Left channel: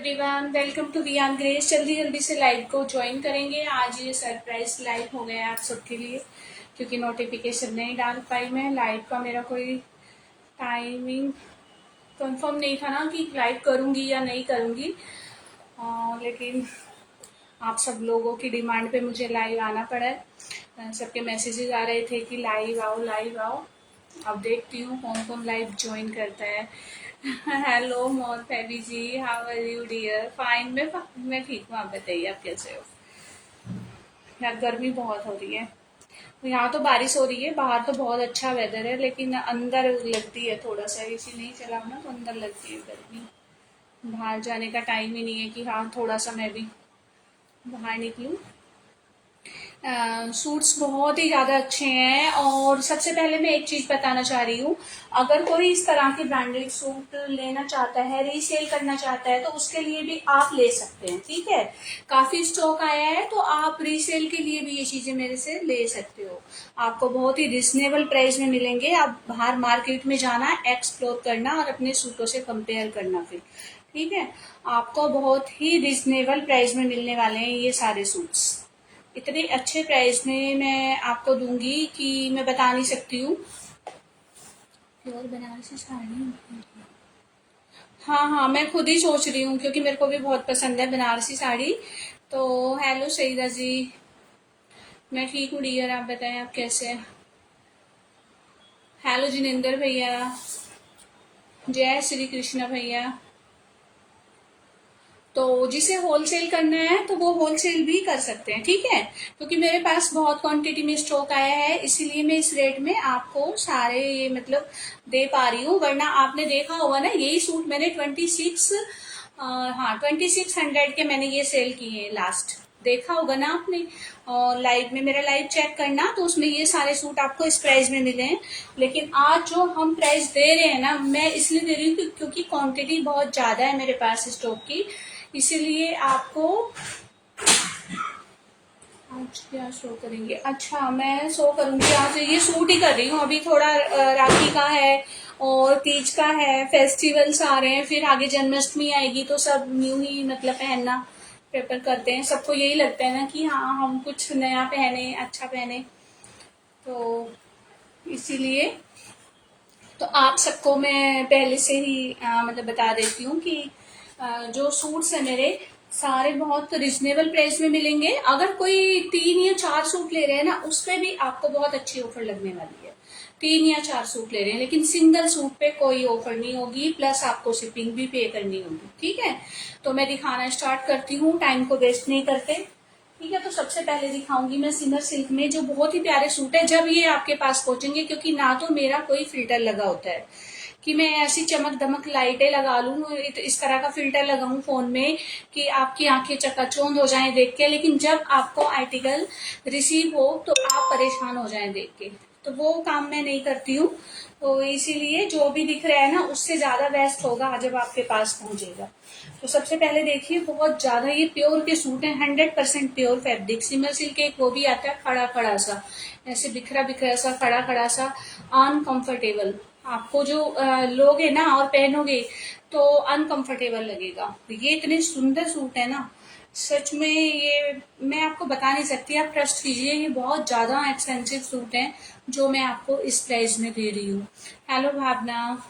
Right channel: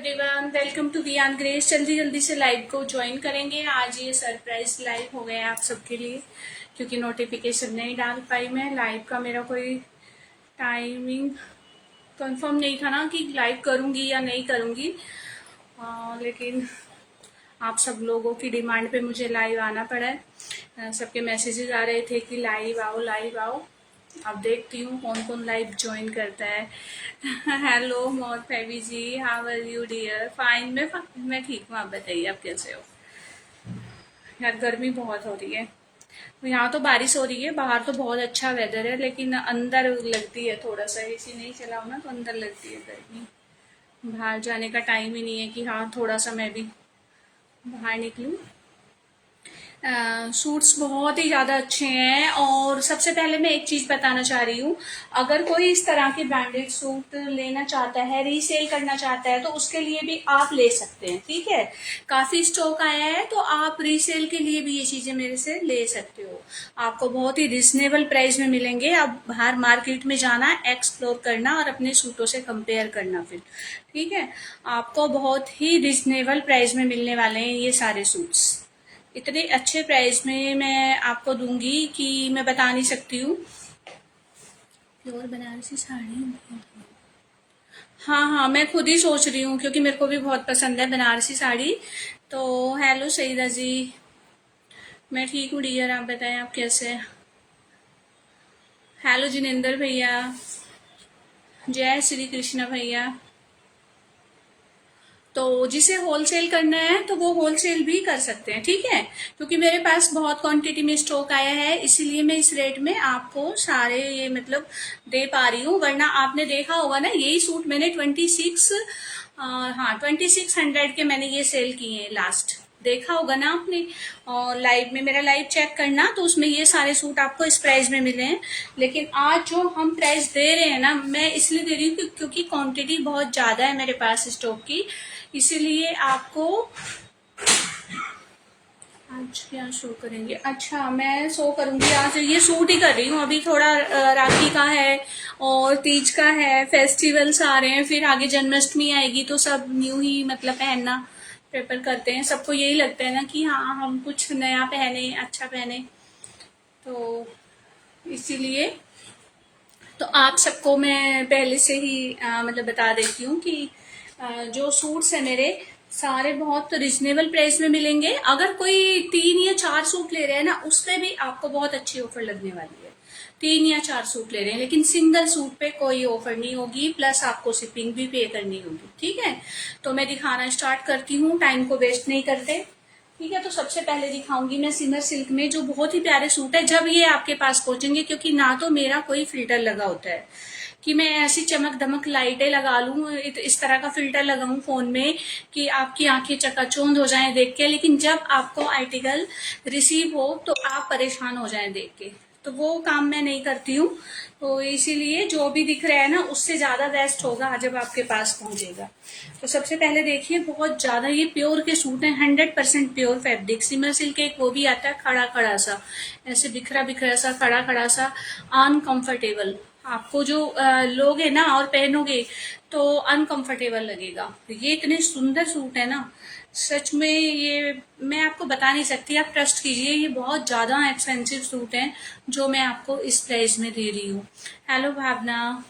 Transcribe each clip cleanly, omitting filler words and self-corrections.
Everyone, welcome to beyond grace. जल्दी जल्दी से लाइव को ज्वाइन करेंगे। आज ये सरप्राइज लाइव हो गया है आप सबके लिए, क्योंकि नोटिफिकेशन नहीं डाल पाई मैं। लाइव का मेरा कोई टाइमिंग कंफर्म नहीं था ना कि लाइव करूंगी या नहीं करूंगी, लेकिन आप सब लोगों की डिमांड पे मुझे लाइव आना पड़ा है। सबके मैसेजेस आ रहे थे कि लाइव आओ लाइव आओ। अब देखती हूँ कौन कौन लाइव ज्वाइन करता है। हेलो मोर फैबी ji, how are you dear? Fine, मैं ठीक हूँ। आप बताइए आप कैसे हो? यार गर्मी बहुत हो रही है। यहाँ तो बारिश हो रही है, बाहर तो बहुत अच्छा वेदर है, लेकिन अंदर लगती है थोड़ा सा। एसी नहीं चलाओ ना तो अंदर लगती है गर्मी। बाहर जाने का टाइम ही नहीं है कि हाँ थोड़ा सा मैं भी बाहर निकलूं। सूट्स बहुत ही ज़्यादा अच्छे हैं। और सबसे पहले मैं एक चीज़ बताना चाह रही हूँ, अगर कोई इस तरह के ब्रांडेड सूट लेना चाहता है, रीसेल करना चाहता है, तो उसके लिए भी आप ले सकते हैं। ठीक है, काफ़ी स्टॉक आया है, तो आप रीसेल के लिए भी ये चीज़ें मेरे से ले सकते हो। आपको बहुत ही रिजनेबल प्राइस में मिलेंगे। आप बाहर मार्केट में जाना, एक्सप्लोर करना और अपने सूटों से कंपेयर करना फिर। ठीक है, आपको बहुत ही रिजनेबल प्राइस में मिलने वाले हैं ये सारे सूट्स। इतने अच्छे प्राइस में मैं आपको दूंगी कि मैं बता नहीं सकती हूँ। प्योर बनारसी साड़ी, हाँ हाँ, मैं खुद ही सोच रही हूँ, क्योंकि मेरे को भी बहुत पसंद है बनारसी साड़ी। तो हेलो सईदा जी, मैं ठीक हूँ डियर, आप बताएं आप कैसे हैं? हेलो जिनेंद्र भैया, जय श्री कृष्ण भैया। तो जिसे होलसेल करना है तो वो होलसेल भी कर सकते हैं। ठीक है, क्योंकि मेरे पास बहुत क्वांटिटी में स्टॉक आया है, इसीलिए मैं इस रेट में आपको सारे ये मतलब दे पा रही हूँ। वरना आपने देखा होगा ना, यही सूट मैंने 2600 के मैंने ये सेल किए हैं लास्ट। देखा होगा ना आपने, और लाइव में मेरा लाइव चेक करना, तो उसमें ये सारे सूट आपको इस प्राइस में मिले हैं। लेकिन आज जो हम प्राइस दे रहे हैं ना, मैं इसलिए दे रही हूँ क्योंकि क्वांटिटी बहुत ज्यादा है मेरे पास स्टॉक की, इसीलिए आपको। आज क्या शो करेंगे? अच्छा, मैं शो करूंगी आज ये सूट ही कर रही हूँ अभी। थोड़ा राखी का है और तीज का है, फेस्टिवल्स आ रहे हैं, फिर आगे जन्माष्टमी आएगी, तो सब न्यू ही मतलब पहनना प्रेफर करते हैं। सबको यही लगता है ना कि हाँ हम कुछ नया पहने, अच्छा पहने, तो इसीलिए तो आप सबको मैं पहले से ही मतलब बता देती हूँ कि जो सूट्स है मेरे सारे बहुत रिजनेबल प्राइस में मिलेंगे। अगर कोई 3 या 4 सूट ले रहे हैं ना, उसमें भी आपको बहुत अच्छी ऑफर लगने वाली है। 3 या 4 सूट ले रहे हैं, लेकिन सिंगल सूट पे कोई ऑफर नहीं होगी, प्लस आपको शिपिंग भी पे करनी होगी। ठीक है, तो मैं दिखाना स्टार्ट करती हूँ, टाइम को वेस्ट नहीं करते। ठीक है, तो सबसे पहले दिखाऊंगी मैं सिमर सिल्क में, जो बहुत ही प्यारे सूट है जब ये आपके पास पहुंचेंगे, क्योंकि ना तो मेरा कोई फिल्टर लगा होता है कि मैं ऐसी चमक दमक लाइटें लगा लूं, इस तरह का फिल्टर लगाऊं फोन में कि आपकी आंखें चकाचौंध हो जाएं देख के, लेकिन जब आपको आर्टिकल रिसीव हो तो आप परेशान हो जाएं देख के। तो वो काम मैं नहीं करती हूँ, तो इसीलिए जो भी दिख रहा है ना, उससे ज्यादा बेस्ट होगा जब आपके पास पहुंचेगा। तो सबसे पहले देखिए, बहुत ज्यादा ये प्योर के सूट है, 100% प्योर फैब्रिक। सिमर सिल्क एक वो भी आता है खड़ा खड़ा सा, ऐसे बिखरा बिखरा सा, खड़ा खड़ा सा, अनकंफर्टेबल। आपको जो लोगे ना और पहनोगे तो अनकंफर्टेबल लगेगा। ये इतने सुंदर सूट है ना, सच में ये मैं आपको बता नहीं सकती, आप ट्रस्ट कीजिए, ये बहुत ज्यादा एक्सपेंसिव सूट है जो मैं आपको इस प्राइस में दे रही हूँ। हेलो भावना,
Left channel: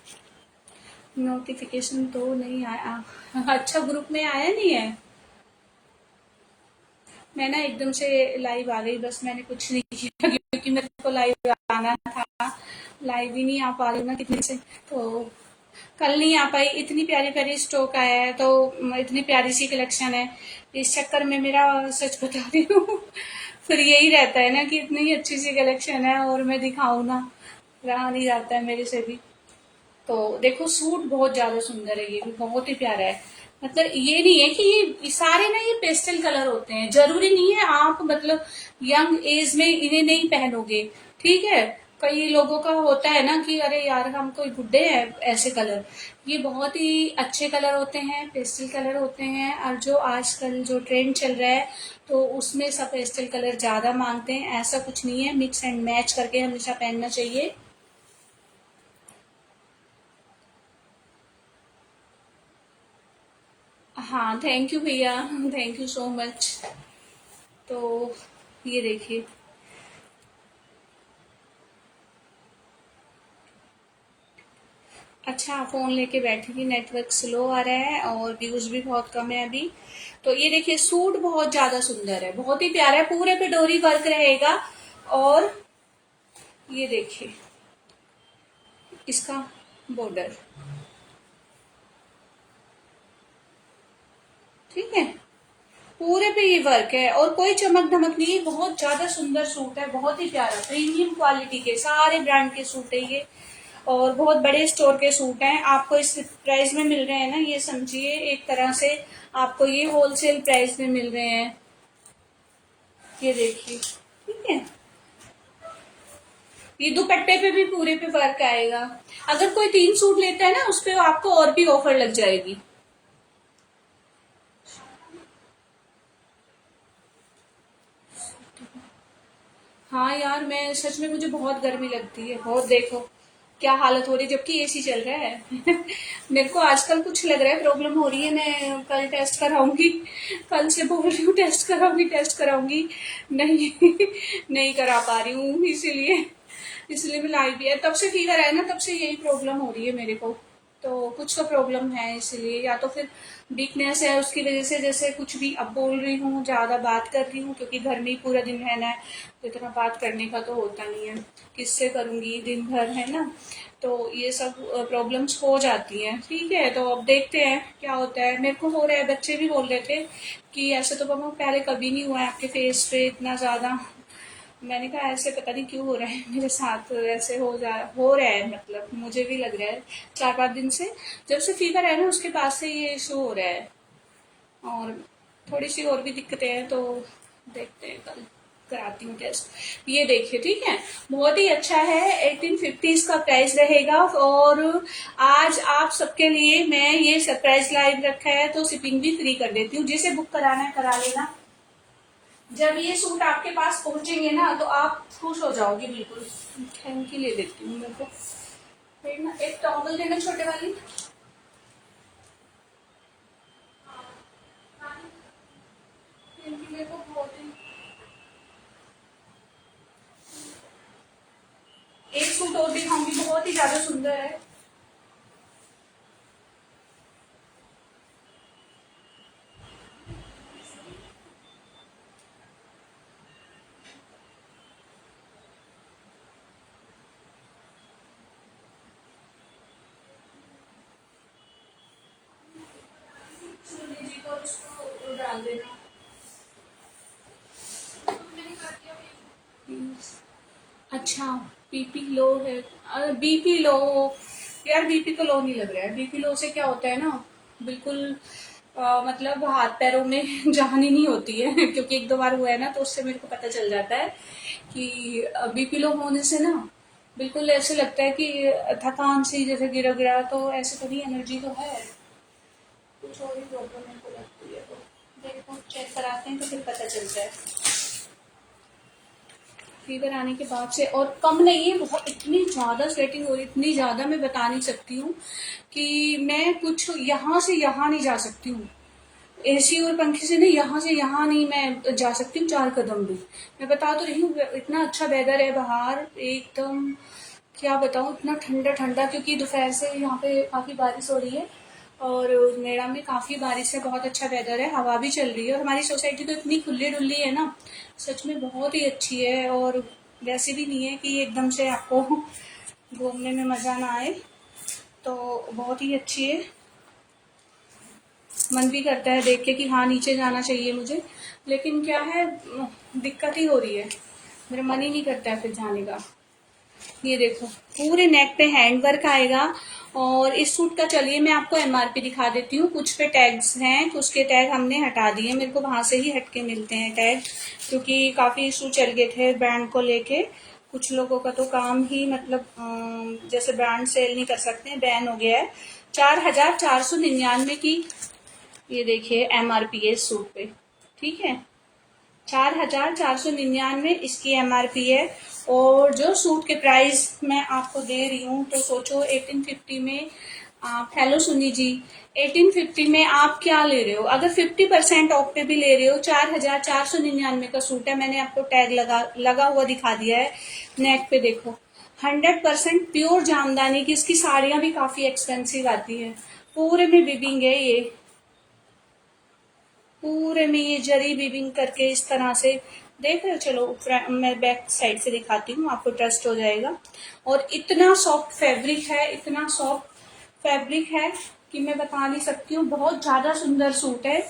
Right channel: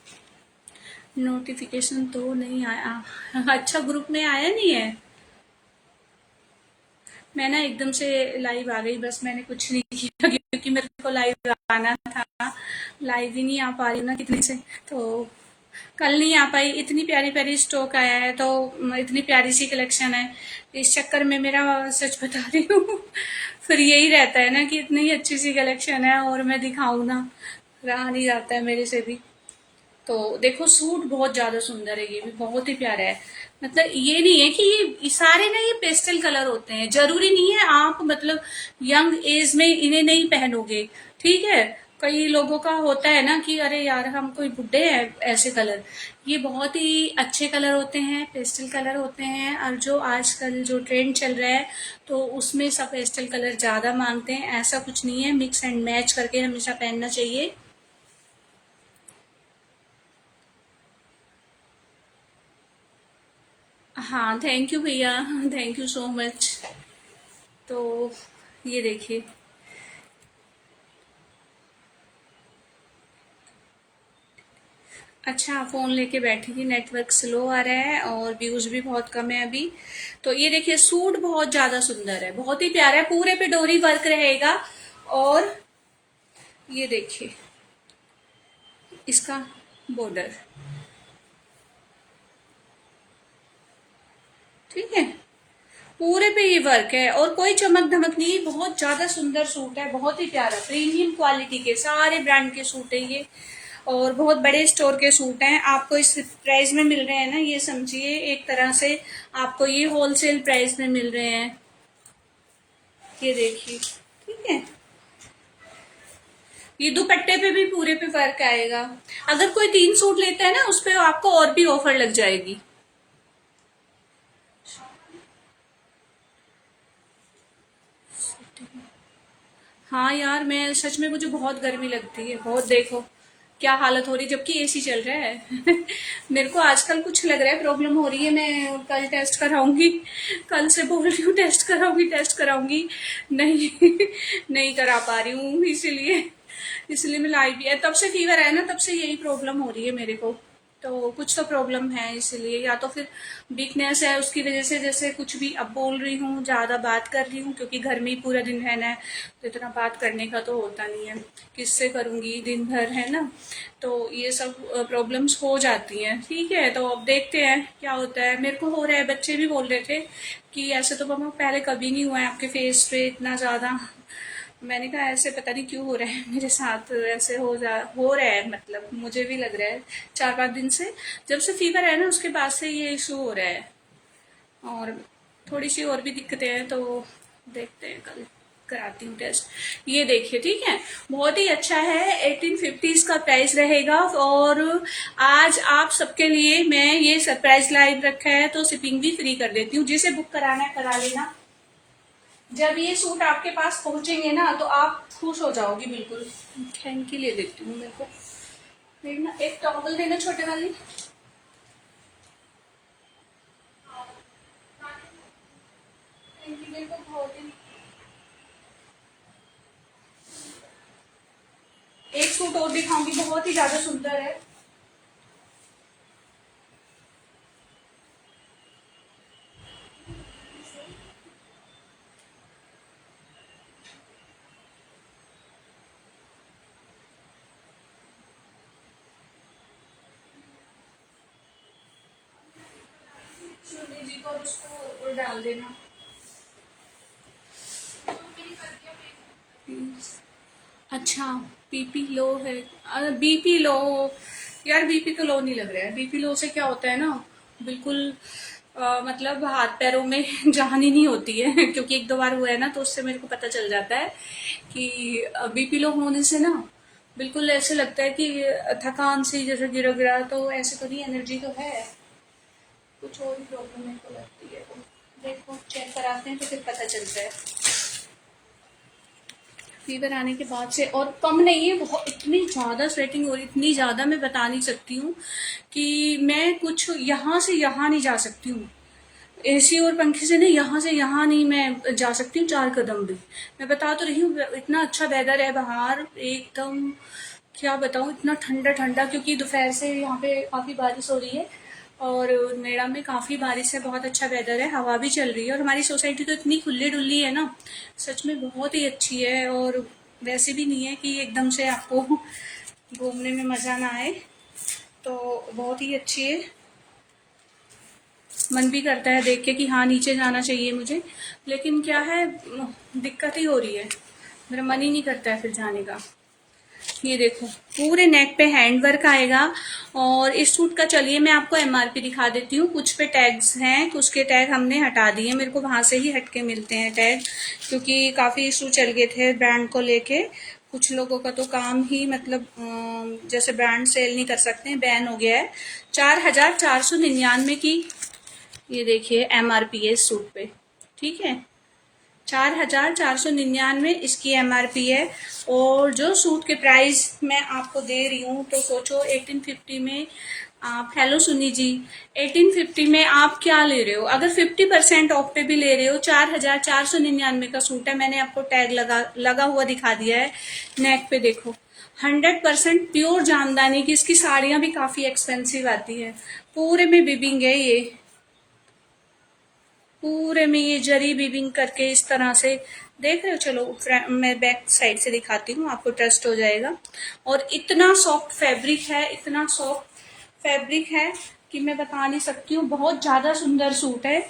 नोटिफिकेशन तो नहीं आया। अच्छा, ग्रुप में आया नहीं है। मैं ना एकदम से लाइव आ गई, बस मैंने कुछ नहीं किया क्योंकि मेरे को लाइव आना था। लाइव ही नहीं आ पा रही ना कितने से, तो कल नहीं आ पाई। इतनी प्यारी प्यारी स्टॉक आया है, तो इतनी प्यारी सी कलेक्शन है, इस चक्कर में मेरा सच बता रही हूँ फिर यही रहता है ना कि इतनी अच्छी सी कलेक्शन है और मैं दिखाऊं ना, रहा नहीं जाता है मेरे से भी। तो देखो, सूट बहुत ज्यादा सुंदर है, ये भी बहुत ही प्यारा है। मतलब ये नहीं है कि ये सारे ना ये पेस्टल कलर होते हैं, जरूरी नहीं है आप मतलब यंग एज में इन्हें नहीं पहनोगे। ठीक है, कई लोगों का होता है ना कि अरे यार हम कोई बुड्ढे हैं ऐसे कलर। ये बहुत ही अच्छे कलर होते हैं, पेस्टल कलर होते हैं, और जो आजकल जो ट्रेंड चल रहा है तो उसमें सब पेस्टल कलर ज्यादा मांगते हैं। ऐसा कुछ नहीं है, मिक्स एंड मैच करके हमेशा पहनना चाहिए। हाँ, थैंक यू भैया, थैंक यू सो मच। तो ये देखिए। अच्छा, फोन लेके बैठी थी, नेटवर्क स्लो आ रहा है और व्यूज भी बहुत कम है अभी। तो ये देखिए, सूट बहुत ज्यादा सुंदर है, बहुत ही प्यारा है, पूरे पे डोरी वर्क रहेगा। और ये देखिए इसका बॉर्डर, ठीक है, पूरे पे ये वर्क है और कोई चमक धमक नहीं है, बहुत ज्यादा सुंदर सूट है, बहुत ही प्यारा, प्रीमियम क्वालिटी के सारे ब्रांड के सूट है ये। और बहुत बड़े स्टोर के सूट हैं, आपको इस प्राइस में मिल रहे हैं ना, ये समझिए एक तरह से आपको ये होलसेल प्राइस में मिल रहे हैं। ये देखिए, ठीक है। ये दुपट्टे पे भी पूरे पे वर्क आएगा। अगर कोई 3 सूट लेते हैं ना, उस पे आपको और भी ऑफर लग जाएगी। हाँ यार, मैं सच में, मुझे बहुत गर्मी लगती है, बहुत, देखो क्या हालत हो रही है, जबकि एसी चल रहा है। मेरे को आजकल कुछ लग रहा है, प्रॉब्लम हो रही है, मैं कल टेस्ट कराऊंगी। कल से बोल रही हूँ टेस्ट कराऊंगी, टेस्ट कराऊंगी। नहीं, नहीं करा पा रही हूँ, इसीलिए इसलिए मैं लाई भी है, तब से फीवर है ना, तब से यही प्रॉब्लम हो रही है मेरे को। तो कुछ तो प्रॉब्लम है, इसलिए या तो फिर वीकनेस है, उसकी वजह से, जैसे कुछ भी अब बोल रही हूँ, ज्यादा बात कर रही हूँ, क्योंकि घर में ही पूरा दिन रहना है, तो इतना बात करने का तो होता नहीं है, किससे करूंगी दिन भर, है ना। तो ये सब प्रॉब्लम्स हो जाती हैं, ठीक है। तो अब देखते हैं क्या होता है, मेरे को हो रहा है, बच्चे भी बोल रहे थे कि ऐसे तो पापा पहले कभी नहीं हुआ है आपके फेस पे इतना ज्यादा। मैंने कहा ऐसे पता नहीं क्यों हो रहा है मेरे साथ, ऐसे हो रहा है, मतलब मुझे भी लग रहा है 4-5 दिन से, जब से फीवर है ना उसके बाद से ये इशू हो रहा है। और थोड़ी सी और भी दिक्कतें हैं, तो देखते हैं, कल कराती हूँ टेस्ट। ये देखिए, ठीक है, बहुत ही अच्छा है, 1850 इसका प्राइस रहेगा। और आज आप सबके लिए मैं ये सरप्राइज लाइव रखा है, तो शिपिंग भी फ्री कर देती हूँ, जिसे बुक कराना है करा लेना। जब ये सूट आपके पास पहुंचेंगे ना, तो आप खुश हो जाओगे बिल्कुल। थैंक यू ले देती हूँ, मेरे को फिर ना एक टॉवल देना छोटे वाली। थैंक यू, मेरे को बहुत ही, एक सूट और दिखाऊंगी, बहुत ही ज्यादा सुंदर है। सुनी जी को उसको डाल देना। अच्छा, बीपी लो है, बीपी लो, यार बीपी तो लो नहीं लग रहा है, बीपी लो से क्या होता है ना, बिल्कुल मतलब हाथ पैरों में जान ही नहीं होती है। क्योंकि 1-2 बार हुआ है ना, तो उससे मेरे को पता चल जाता है कि बीपी लो होने से ना, बिल्कुल ऐसे लगता है कि थकान से जैसे गिरा गिरा, तो ऐसे तो नहीं, एनर्जी तो है, कुछ और ही प्रॉब्लम मेरे को लगती है। तो देखो, चेक कराते हैं तो फिर पता चलता है। फीवर आने के बाद से और कम नहीं है, बहुत इतनी ज्यादा स्वेटिंग हो रही, इतनी ज्यादा मैं बता नहीं सकती हूँ कि मैं कुछ यहाँ से यहाँ नहीं जा सकती हूँ, एसी और पंखे से नहीं, यहाँ से यहाँ नहीं मैं जा सकती हूँ 4 कदम भी। मैं बता तो रही हूँ, इतना अच्छा वेदर है बाहर एकदम, क्या बताऊँ, इतना ठंडा ठंडा, क्योंकि दोपहर से यहाँ पे काफी बारिश हो रही है, और नेड़ा में काफी बारिश है, बहुत अच्छा वेदर है, हवा भी चल रही है, और हमारी सोसाइटी तो इतनी खुली डुल्ली है ना, सच में बहुत ही अच्छी है। और वैसे भी नहीं है कि एकदम से आपको घूमने में मजा ना आए, तो बहुत ही अच्छी है। मन भी करता है देख के कि हाँ नीचे जाना चाहिए मुझे, लेकिन क्या है, दिक्कत ही हो रही है, मेरा मन ही नहीं करता है फिर जाने का। ये देखो, पूरे नेक पे हैंड वर्क आएगा। और इस सूट का चलिए मैं आपको एमआरपी दिखा देती हूँ, कुछ पे टैग्स हैं, कुछ के टैग हमने हटा दिए, मेरे को वहां से ही हटके मिलते हैं टैग, क्योंकि काफी इशू चल गए थे ब्रांड को लेके। कुछ लोगों का तो काम ही, मतलब जैसे ब्रांड सेल नहीं कर सकते, बैन हो गया है। 4499 की, ये देखिए एमआरपी है इस सूट पे, ठीक है, 4499 इसकी एमआरपी है। और जो सूट के प्राइस मैं आपको दे रही हूँ, तो सोचो 1850 में आप हेलो सुनी जी, 1850 में आप क्या ले रहे हो? अगर 50% ऑफ पे भी ले रहे हो, 4,499 का सूट है। मैंने आपको टैग लगा हुआ दिखा दिया है, नेक पे देखो। 100% प्योर जामदानी की इसकी साड़ियां भी काफी एक्सपेंसिव आती है। पूरे में बिबिंग है ये, पूरे में ये जरी बीबिंग करके इस तरह से देख रहे हो। चलो मैं बैक साइड से दिखाती हूँ, आपको ट्रस्ट हो जाएगा। और इतना सॉफ्ट फैब्रिक है, इतना सॉफ्ट फैब्रिक है कि मैं बता नहीं सकती हूँ। बहुत ज्यादा सुंदर सूट है।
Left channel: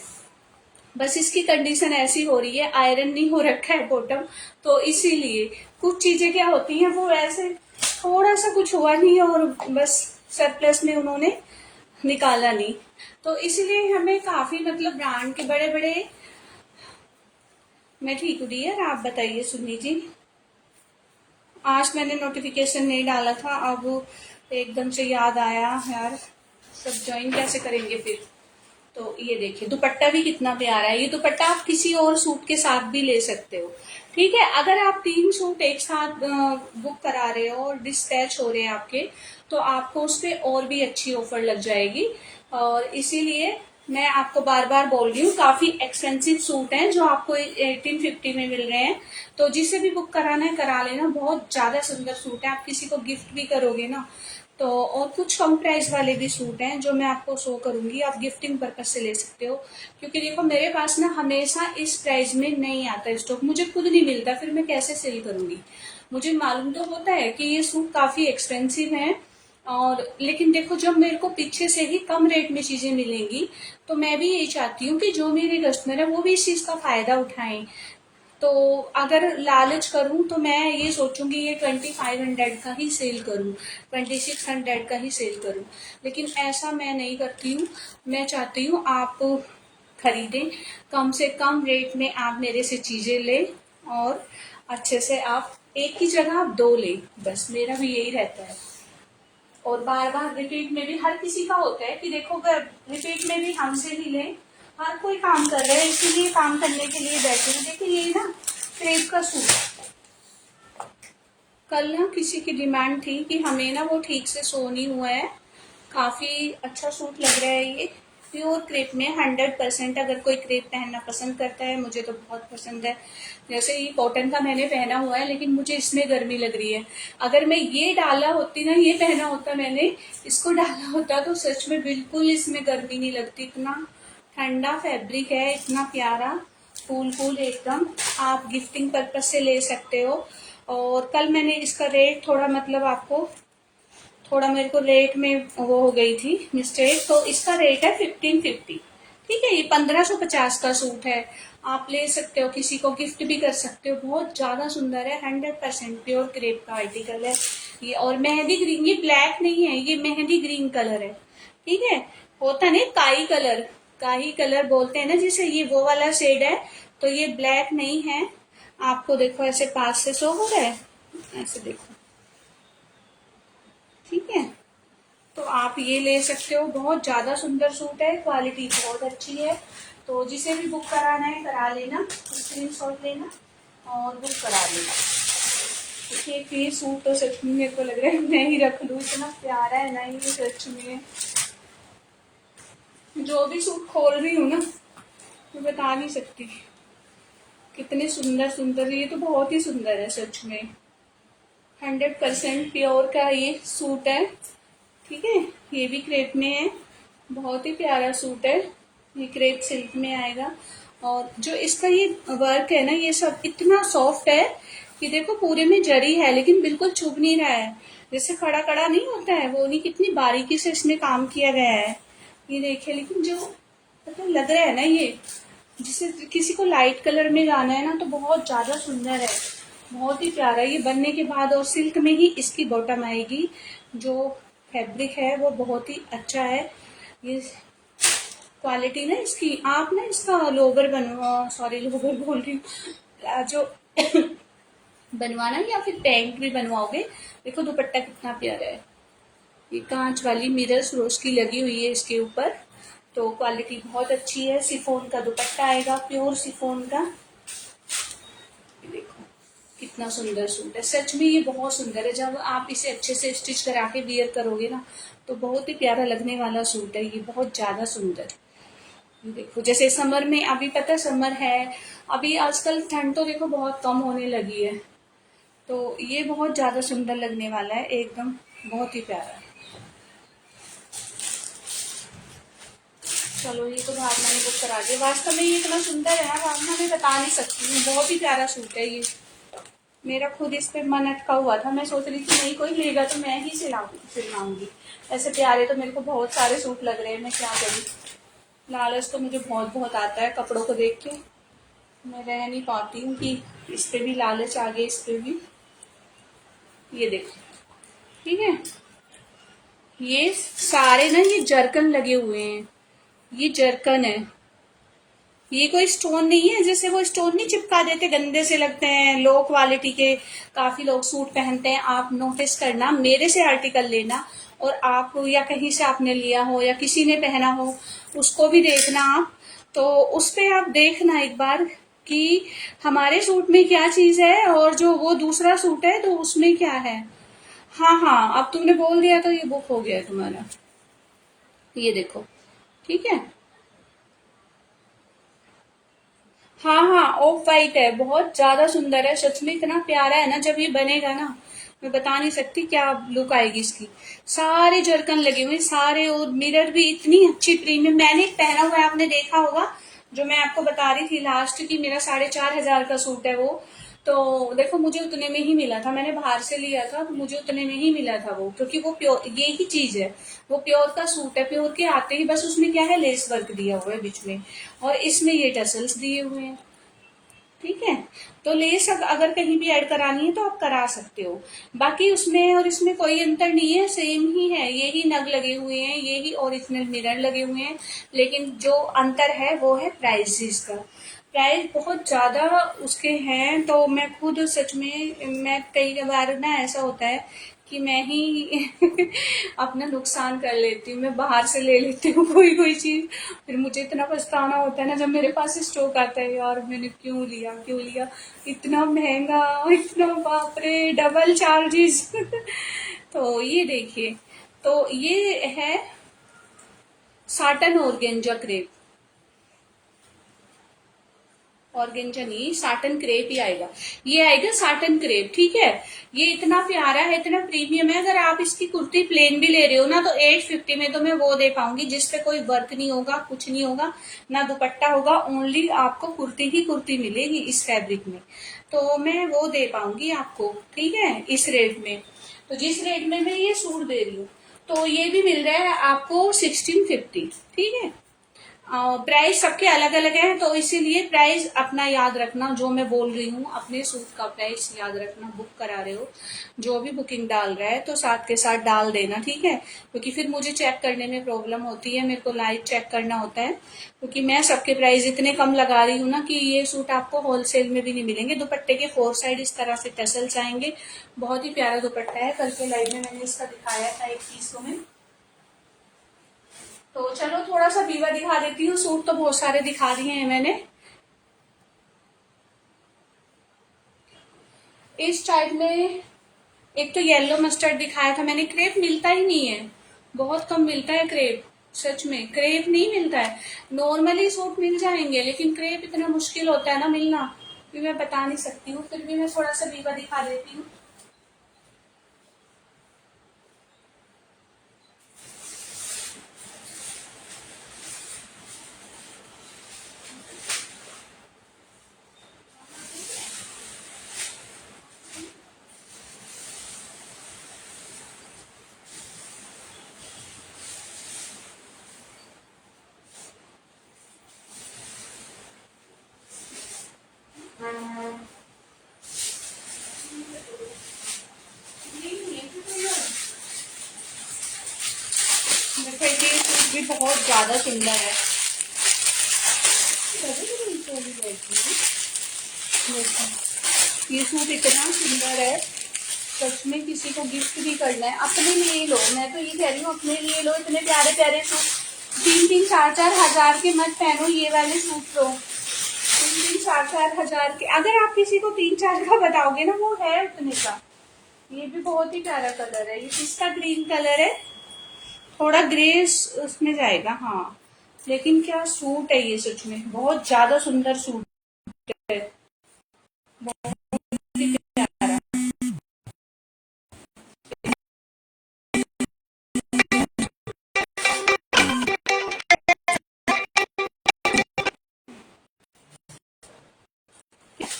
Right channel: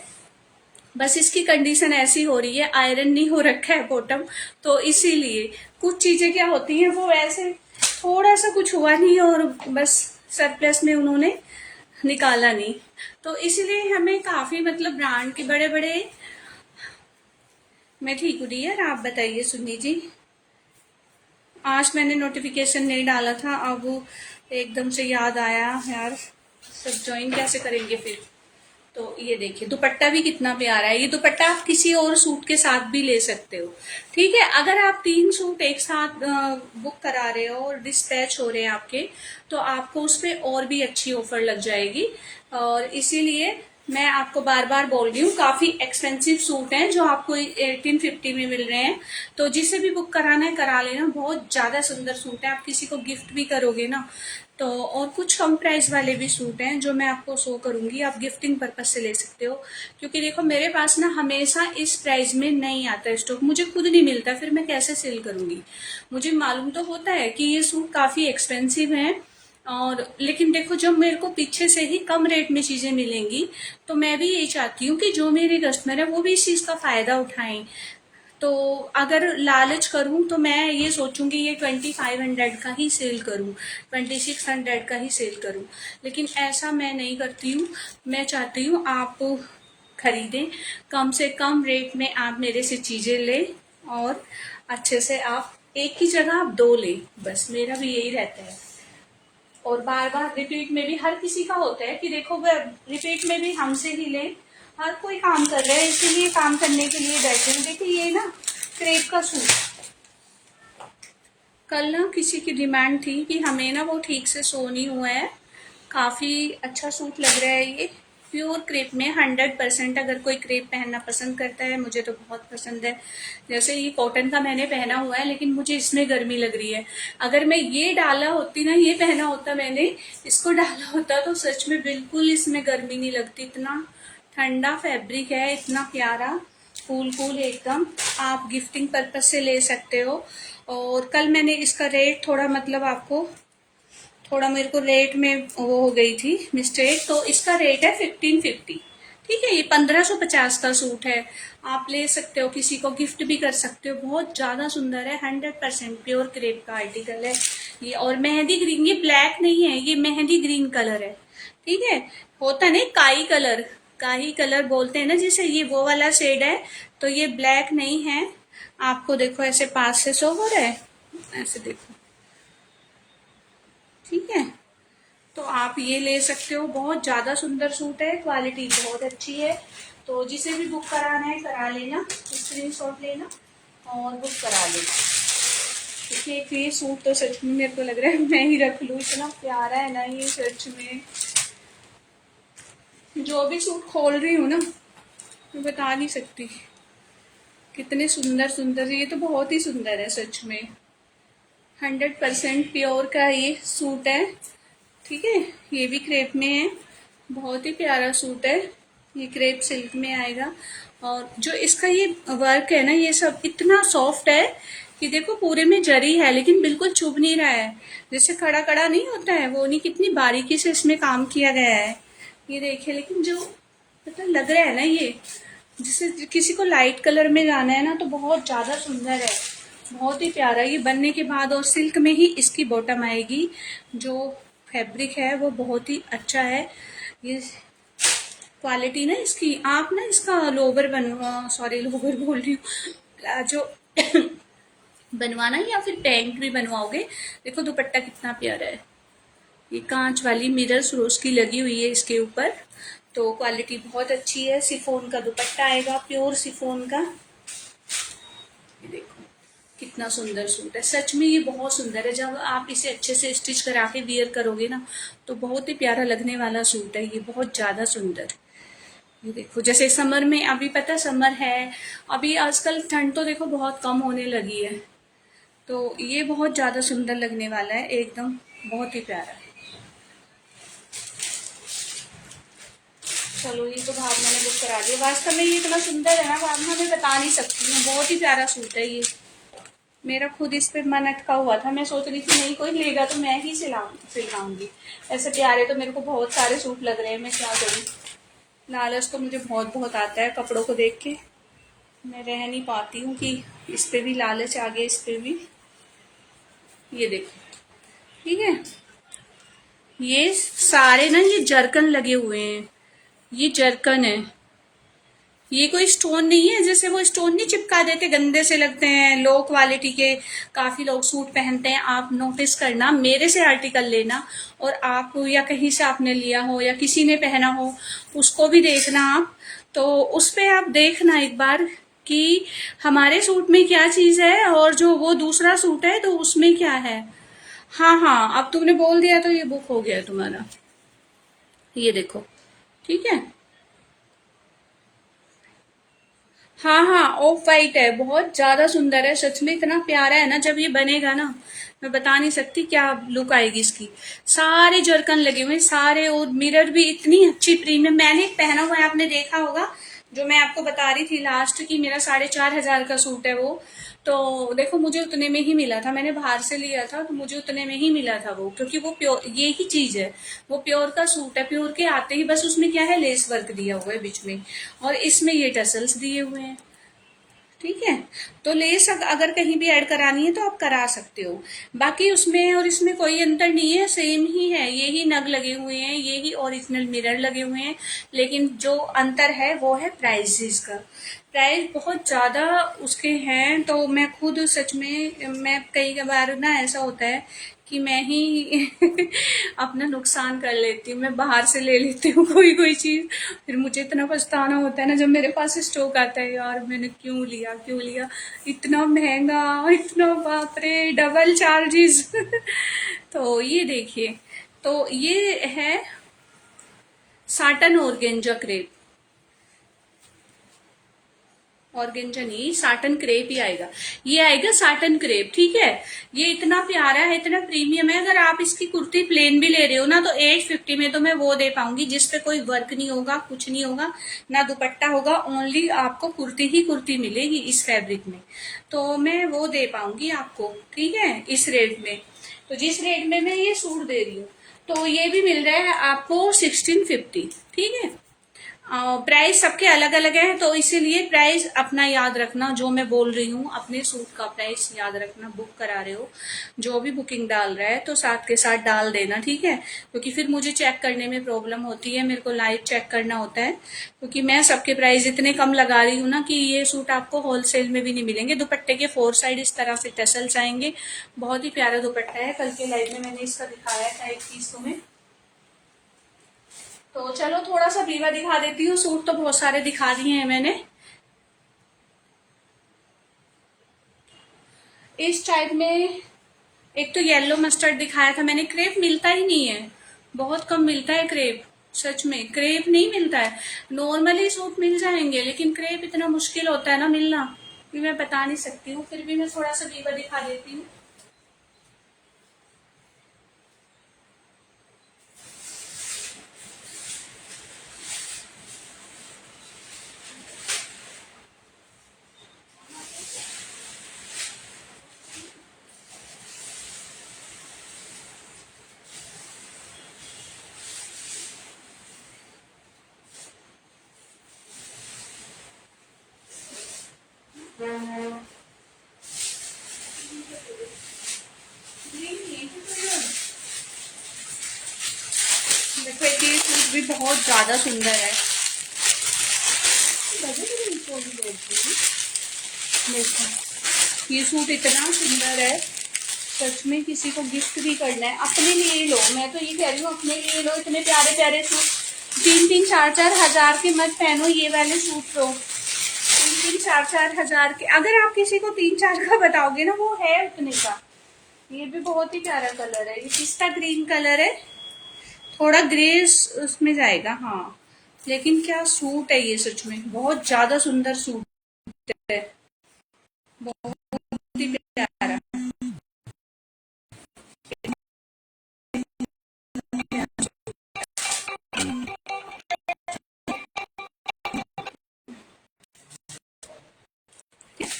बस इसकी कंडीशन ऐसी हो रही है, आयरन नहीं हो रखा है बॉटम, तो इसीलिए कुछ चीजें क्या होती हैं वो ऐसे थोड़ा सा कुछ हुआ नहीं और बस सरप्लस में उन्होंने निकाला नहीं, तो इसीलिए हमें काफी मतलब ब्रांड के बड़े बड़े। मैं ठीक हूँ डियर, आप बताइए सुन्नी जी। आज मैंने नोटिफिकेशन नहीं डाला था, अब एकदम से याद आया यार, सब ज्वाइन कैसे करेंगे फिर। तो ये देखिए दुपट्टा भी कितना प्यारा है। ये दुपट्टा आप किसी और सूट के साथ भी ले सकते हो, ठीक है। अगर आप 3 सूट एक साथ बुक करा रहे हो और डिस्पैच हो रहे हैं आपके, तो आपको उस पर और भी अच्छी ऑफर लग जाएगी। और इसीलिए मैं आपको बार बार बोल रही हूँ, काफी एक्सपेंसिव सूट हैं जो आपको 1850 में मिल रहे हैं। तो जिसे भी बुक कराना है करा लेना, बहुत ज्यादा सुंदर सूट है। आप किसी को गिफ्ट भी करोगे ना तो। और कुछ कम प्राइस वाले भी सूट हैं जो मैं आपको शो करूंगी, आप गिफ्टिंग पर्पज से ले सकते हो। क्योंकि देखो मेरे पास ना हमेशा इस प्राइस में नहीं आता स्टॉक, मुझे खुद नहीं मिलता, फिर मैं कैसे सेल करूंगी। मुझे मालूम तो होता है कि ये सूट काफी एक्सपेंसिव हैं, और लेकिन देखो जब मेरे को पीछे से ही कम रेट में चीजें मिलेंगी, तो मैं भी यही चाहती हूँ कि जो मेरे कस्टमर है वो भी इस चीज का फायदा उठाएं। तो अगर लालच करूं तो मैं ये सोचूंगी ये 2500 का ही सेल करूं, 2600 का ही सेल करूं, लेकिन ऐसा मैं नहीं करती हूँ। मैं चाहती हूँ आप खरीदें, कम से कम रेट में आप मेरे से चीजें लें, और अच्छे से आप एक ही जगह आप 2 लें, बस मेरा भी यही रहता है। और बार बार रिपीट में भी हर किसी का होता है कि देखो रिपीट में भी हमसे ही लें। हर कोई काम कर रहा है, इसीलिए काम करने के लिए बैठे हैं। देखिए ये ना क्रेप का सूट, कल ना किसी की डिमांड थी कि हमें ना वो ठीक से सो नहीं हुआ है, काफी अच्छा सूट लग रहा है ये, प्योर क्रेप में 100%। अगर कोई क्रेप पहनना पसंद करता है, मुझे तो बहुत पसंद है। जैसे ये कॉटन का मैंने पहना हुआ है, लेकिन मुझे इसमें गर्मी लग रही है। अगर मैं ये डाला होती ना, ये पहना होता मैंने, इसको डाला होता तो सच में बिल्कुल इसमें गर्मी नहीं लगती। इतना ठंडा फैब्रिक है, इतना प्यारा, कूल कूल एकदम। आप गिफ्टिंग पर्पज से ले सकते हो। और कल मैंने इसका रेट थोड़ा मतलब आपको थोड़ा मेरे को रेट में वो हो गई थी मिस्टेक, तो इसका रेट है 1550, ठीक है। ये 1550 का सूट है, आप ले सकते हो, किसी को गिफ्ट भी कर सकते हो। बहुत ज्यादा सुंदर है, 100% प्योर क्रेप का आर्टिकल है ये। और मेहंदी ग्रीन, ये ब्लैक नहीं है, ये मेहंदी ग्रीन कलर है, ठीक है। होता नहीं काई कलर, काही कलर बोलते हैं ना जिसे, ये वो वाला शेड है। तो ये ब्लैक नहीं है। आपको देखो ऐसे पास से शो हो रहा है, ऐसे देखो, ठीक है। तो आप ये ले सकते हो, बहुत ज्यादा सुंदर सूट है, क्वालिटी बहुत अच्छी है। तो जिसे भी बुक कराना है करा लेना, स्क्रीनशॉट लेना और बुक करा लेना। देखिए ये सूट तो सच में मेरे को लग रहा है मैं ही रख लूं, इतना प्यारा है ना ये सच में। जो भी सूट खोल रही हूँ ना, मैं बता नहीं सकती कितने सुंदर सुंदर। ये तो बहुत ही सुंदर है सच में, 100% प्योर का ये सूट है, ठीक है। ये भी क्रेप में है, बहुत ही प्यारा सूट है। ये क्रेप सिल्क में आएगा। और जो इसका ये वर्क है ना, ये सब इतना सॉफ्ट है कि देखो पूरे में जरी है लेकिन बिल्कुल चुभ नहीं रहा है। जैसे कड़ा कड़ा नहीं होता है वो नहीं, कितनी बारीकी से इसमें काम किया गया है, ये देखिए। लेकिन जो मतलब लग रहा है ना ये, जैसे किसी को लाइट कलर में जाना है ना, तो बहुत ज्यादा सुंदर है, बहुत ही प्यारा। ये बनने के बाद और सिल्क में ही इसकी बॉटम आएगी। जो फैब्रिक है वो बहुत ही अच्छा है। ये क्वालिटी ना इसकी, आप ना इसका लोवर बनवा, सॉरी लोवर बोल रही हूँ, प्लाजो बनवाना या फिर पैंट भी बनवाओगे। देखो दुपट्टा कितना प्यारा है, ये कांच वाली मिरर्स रोज की लगी हुई है इसके ऊपर। तो क्वालिटी बहुत अच्छी है। शिफॉन का दुपट्टा आएगा, प्योर शिफॉन का। ये देखो कितना सुंदर सूट है, सच में ये बहुत सुंदर है। जब आप इसे अच्छे से स्टिच करा के वियर करोगे ना तो बहुत ही प्यारा लगने वाला सूट है ये, बहुत ज्यादा सुंदर। ये देखो, जैसे समर में, अभी पता है समर है, अभी आजकल ठंड तो देखो बहुत कम होने लगी है, तो ये बहुत ज्यादा सुंदर लगने वाला है एकदम, बहुत ही प्यारा। चलो ये तो बाहर मैंने बुक करा दिया। वास्तव में ये इतना सुंदर है ना, बाद में मैं बता नहीं सकती हूँ, बहुत ही प्यारा सूट है ये। मेरा खुद इस पे मन अटका हुआ था, मैं सोच रही थी नहीं कोई लेगा तो मैं ही सिलवाऊंगी। ऐसे प्यारे तो मेरे को बहुत सारे सूट लग रहे हैं, मैं क्या करूँ। लालच तो मुझे बहुत बहुत आता है कपड़ों को देख के, मैं रह नहीं पाती हूँ कि इस पे भी लालच आ गया, इस पे भी। ये देखो, ठीक है, ये सारे ना ये जरकन लगे हुए हैं, ये जरकन है, ये कोई स्टोन नहीं है। जैसे वो स्टोन नहीं चिपका देते, गंदे से लगते हैं, लो क्वालिटी के काफी लोग सूट पहनते हैं। आप नोटिस करना, मेरे से आर्टिकल लेना, और आप या कहीं से आपने लिया हो या किसी ने पहना हो उसको भी देखना आप, तो उस पे आप देखना एक बार कि हमारे सूट में क्या चीज है और जो वो दूसरा सूट है तो उसमें क्या है। हाँ हाँ, अब तुमने बोल दिया तो ये बुक हो गया तुम्हारा। ये देखो, ठीक है। हाँ हाँ, ऑफ वाइट है, बहुत ज्यादा सुंदर है, सच में इतना प्यारा है ना। जब ये बनेगा ना, मैं बता नहीं सकती क्या लुक आएगी इसकी। सारे जरकन लगे हुए सारे, और मिरर भी इतनी अच्छी प्रीमियम। मैंने पहना हुआ है, आपने देखा होगा, जो मैं आपको बता रही थी लास्ट की, मेरा 4,500 का सूट है वो। तो देखो मुझे उतने में ही मिला था, मैंने बाहर से लिया था तो मुझे उतने में ही मिला था वो, क्योंकि वो प्योर, ये ही चीज है, वो प्योर का सूट है। प्योर के आते ही बस उसमें क्या है, लेस वर्क दिया हुआ है बीच में, और इसमें ये टसल्स दिए हुए हैं, ठीक है। तो लेस अगर कहीं भी ऐड करानी है तो आप करा सकते हो। बाकी उसमें और इसमें कोई अंतर नहीं है, सेम ही है, ये ही नग लगे हुए हैं, ये ही ओरिजिनल मिरर लगे हुए हैं। लेकिन जो अंतर है वो है प्राइसेस का। प्राइस बहुत ज्यादा उसके हैं, तो मैं खुद सच में, मैं कई बार ना ऐसा होता है कि मैं ही अपना नुकसान कर लेती हूँ, मैं बाहर से ले लेती हूँ कोई कोई चीज, फिर मुझे इतना पछताना होता है ना जब मेरे पास स्टॉक आता है, यार मैंने क्यों लिया इतना महंगा, इतना बाप रे, डबल चार्जेस। तो ये देखिए, तो ये है साटन ऑर्गेंजा क्रेप, ऑर्गेंजा नहीं, साटन क्रेप ही आएगा, ये आएगा साटन क्रेप, ठीक है। ये इतना प्यारा है, इतना प्रीमियम है। अगर आप इसकी कुर्ती प्लेन भी ले रहे हो ना तो 850 में तो मैं वो दे पाऊंगी जिसपे कोई वर्क नहीं होगा, कुछ नहीं होगा, ना दुपट्टा होगा, ओनली आपको कुर्ती ही कुर्ती मिलेगी इस फैब्रिक में, तो मैं वो दे पाऊंगी आपको, ठीक है, इस रेट में। तो जिस रेट में मैं ये सूट दे रही हूँ, तो ये भी मिल रहा है आपको 1650, ठीक है। प्राइस सबके अलग अलग है, तो इसीलिए प्राइस अपना याद रखना, जो मैं बोल रही हूँ अपने सूट का प्राइस याद रखना। बुक करा रहे हो, जो भी बुकिंग डाल रहा है तो साथ के साथ डाल देना, ठीक है, क्योंकि फिर मुझे चेक करने में प्रॉब्लम होती है, मेरे को लाइव चेक करना होता है, क्योंकि मैं सबके प्राइस इतने कम लगा रही हूँ ना कि ये सूट आपको होलसेल में भी नहीं मिलेंगे। दुपट्टे के 4 साइड इस तरह से टसल्स आएंगे, बहुत ही प्यारा दुपट्टा है, कल के लाइव में मैंने इसका दिखाया था एक पीस तुम्हें। तो चलो थोड़ा सा बीवा दिखा देती हूँ, सूट तो बहुत सारे दिखा दिए हैं मैंने। इस टाइप में एक तो येलो मस्टर्ड दिखाया था मैंने, क्रेप मिलता ही नहीं है, बहुत कम मिलता है क्रेप, सच में क्रेप नहीं मिलता है। नॉर्मली सूट मिल जाएंगे लेकिन क्रेप इतना मुश्किल होता है ना मिलना कि मैं बता नहीं सकती हूँ, फिर भी मैं थोड़ा सा बीवा दिखा देती हूँ। देखिए ये सूट भी बहुत ज्यादा सुंदर है, देखो ये सूट इतना सुंदर है, सच में किसी को गिफ्ट भी करना है, अपने लिए लो, मैं तो ये कह रही हूँ अपने लिए लो। इतने प्यारे प्यारे सूट 3-3, 4-4 हजार के मत पहनो, ये वाले सूट लो, तीन चार चार हजार के, अगर आप किसी को 3-4 का बताओगे ना, वो है उतने का। ये भी बहुत ही प्यारा कलर है, ये पिस्ता ग्रीन कलर है, थोड़ा ग्रे उसमें जाएगा। हाँ, लेकिन क्या सूट है ये, सच में बहुत ज्यादा सुंदर सूट है, बहुत ही प्यारा।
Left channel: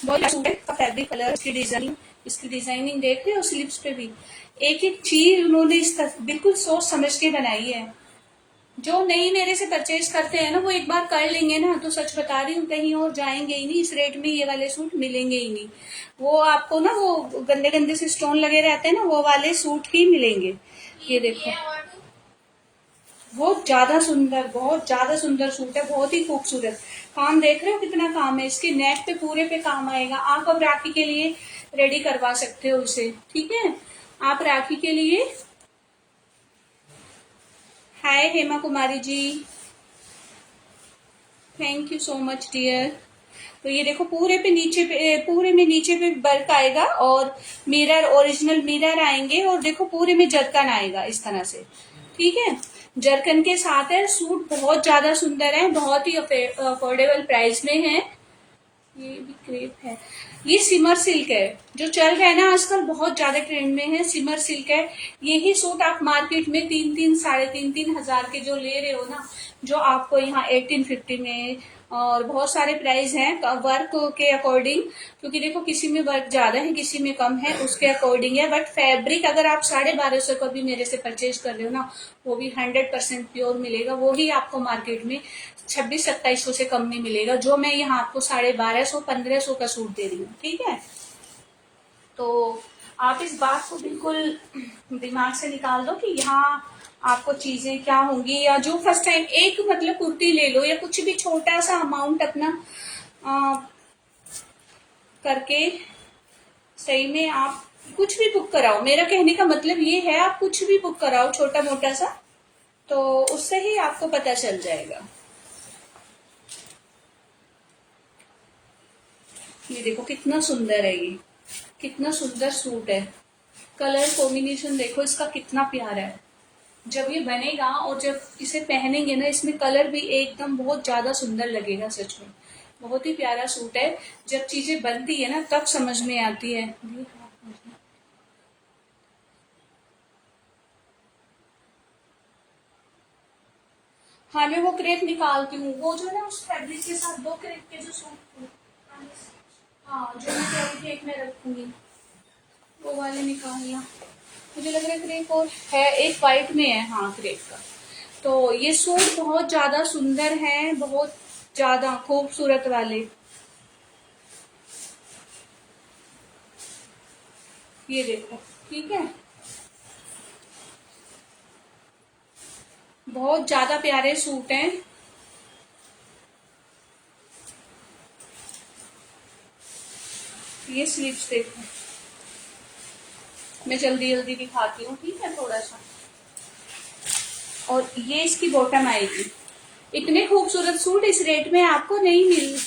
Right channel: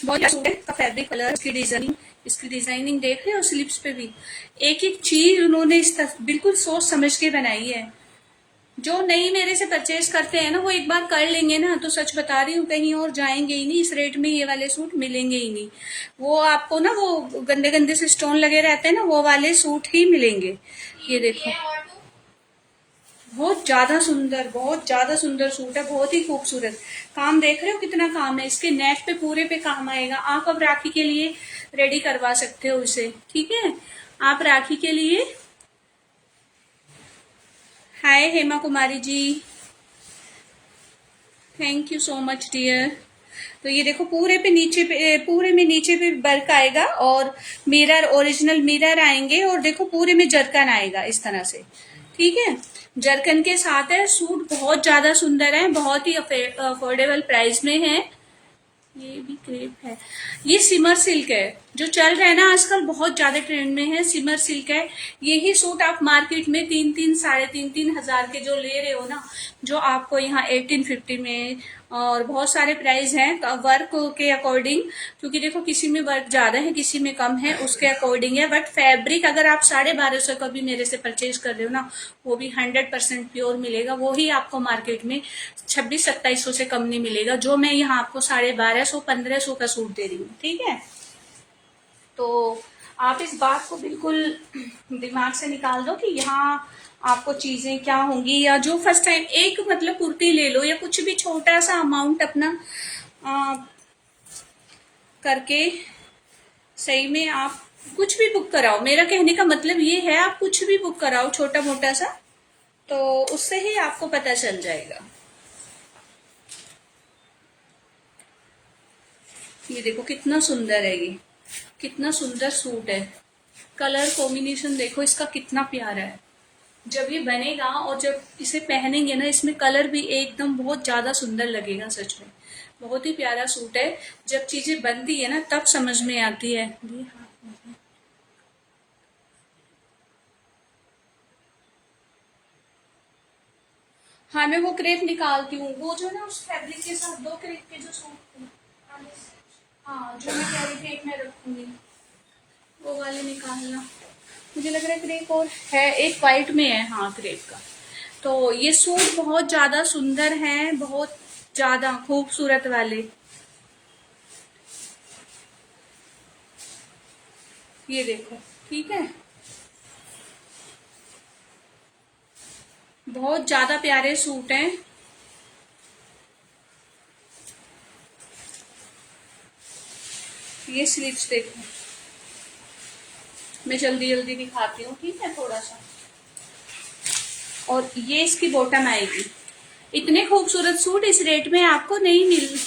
बहुत सूट है का फैब्रिक कलर, इसकी डिजाइनिंग देख रहे हो, स्लिप्स पे भी एक एक चीज उन्होंने बिल्कुल सोच समझ के बनाई है। जो नहीं मेरे से परचेज करते हैं ना, वो एक बार कर लेंगे ना, तो सच बता रही हूँ कहीं और जाएंगे ही नहीं, इस रेट में ये वाले सूट मिलेंगे ही नहीं। वो आपको ना, वो गंदे गंदे से स्टोन लगे रहते हैं ना, वो वाले सूट ही मिलेंगे। ये देखो, बहुत ज्यादा सुंदर सूट है, बहुत ही खूबसूरत। काम देख रहे हो कितना काम है इसके, नेक पे पूरे पे काम आएगा। आप अब राखी के लिए रेडी करवा सकते हो इसे, ठीक है। आप राखी के लिए, hi Hema Kumari ji, thank you so much dear. तो ये देखो, पूरे पे नीचे पे, पूरे में नीचे पे वर्क आएगा, और मिरर, ओरिजिनल मिरर आएंगे, और देखो पूरे में जरकन आएगा इस तरह से, ठीक है। जरकन के साथ है, सूट बहुत ज्यादा सुंदर है, बहुत ही अफोर्डेबल प्राइस में है। ये भी क्रेप है, ये सिमर सिल्क है, जो चल रहा है ना आजकल, बहुत ज्यादा ट्रेंड में है, सिमर सिल्क है। यही सूट आप मार्केट में 3-3, 3.5-3 हजार के जो ले रहे हो ना, जो आपको यहाँ 1850 में, और बहुत सारे प्राइस हैं वर्क के अकॉर्डिंग, क्योंकि देखो किसी में वर्क ज्यादा है, किसी में कम है, उसके अकॉर्डिंग है। बट फैब्रिक अगर आप 1250 का भी मेरे से परचेज कर रहे हो ना, वो भी 100% प्योर मिलेगा, वो ही आपको मार्केट में 2600-2700 से कम नहीं मिलेगा, जो मैं यहाँ आपको 1250-1500 का सूट दे रही हूँ, ठीक है। तो आप इस बात को बिल्कुल दिमाग से निकाल दो कि यहाँ आपको चीजें क्या होंगी, या जो फर्स्ट टाइम एक मतलब कुर्ती ले लो, या कुछ भी छोटा सा अमाउंट अपना करके सही में आप कुछ भी बुक कराओ। मेरा कहने का मतलब ये है, आप कुछ भी बुक कराओ छोटा मोटा सा, तो उससे ही आपको पता चल जाएगा। ये देखो कितना सुंदर है, ये कितना सुंदर सूट है, कलर कॉम्बिनेशन देखो इसका कितना प्यारा है। जब ये बनेगा और जब इसे पहनेंगे ना, इसमें कलर भी एकदम बहुत ज्यादा सुंदर लगेगा, सच में बहुत ही प्यारा सूट है। जब चीजें बनती है ना, तब समझ में आती है। हाँ, मैं वो क्रेप निकालती हूँ, वो जो ना उस फैब्रिक के साथ 2 क्रेप के जो सूट, हाँ जो मैं कह रही थी एक में रखूंगी, वो वाले निकालना। मुझे लग रहा है क्रेप और है, एक वाइट में है, हाँ क्रेप का। तो ये सूट बहुत ज्यादा सुंदर है, बहुत ज्यादा खूबसूरत वाले। ये देखो, ठीक है, बहुत ज्यादा प्यारे सूट हैं। ये स्लीव्स देखो, मैं जल्दी जल्दी दिखाती हूँ, ठीक है, थोड़ा सा। और ये इसकी बॉटम आएगी। इतने खूबसूरत सूट इस रेट में आपको नहीं मिल।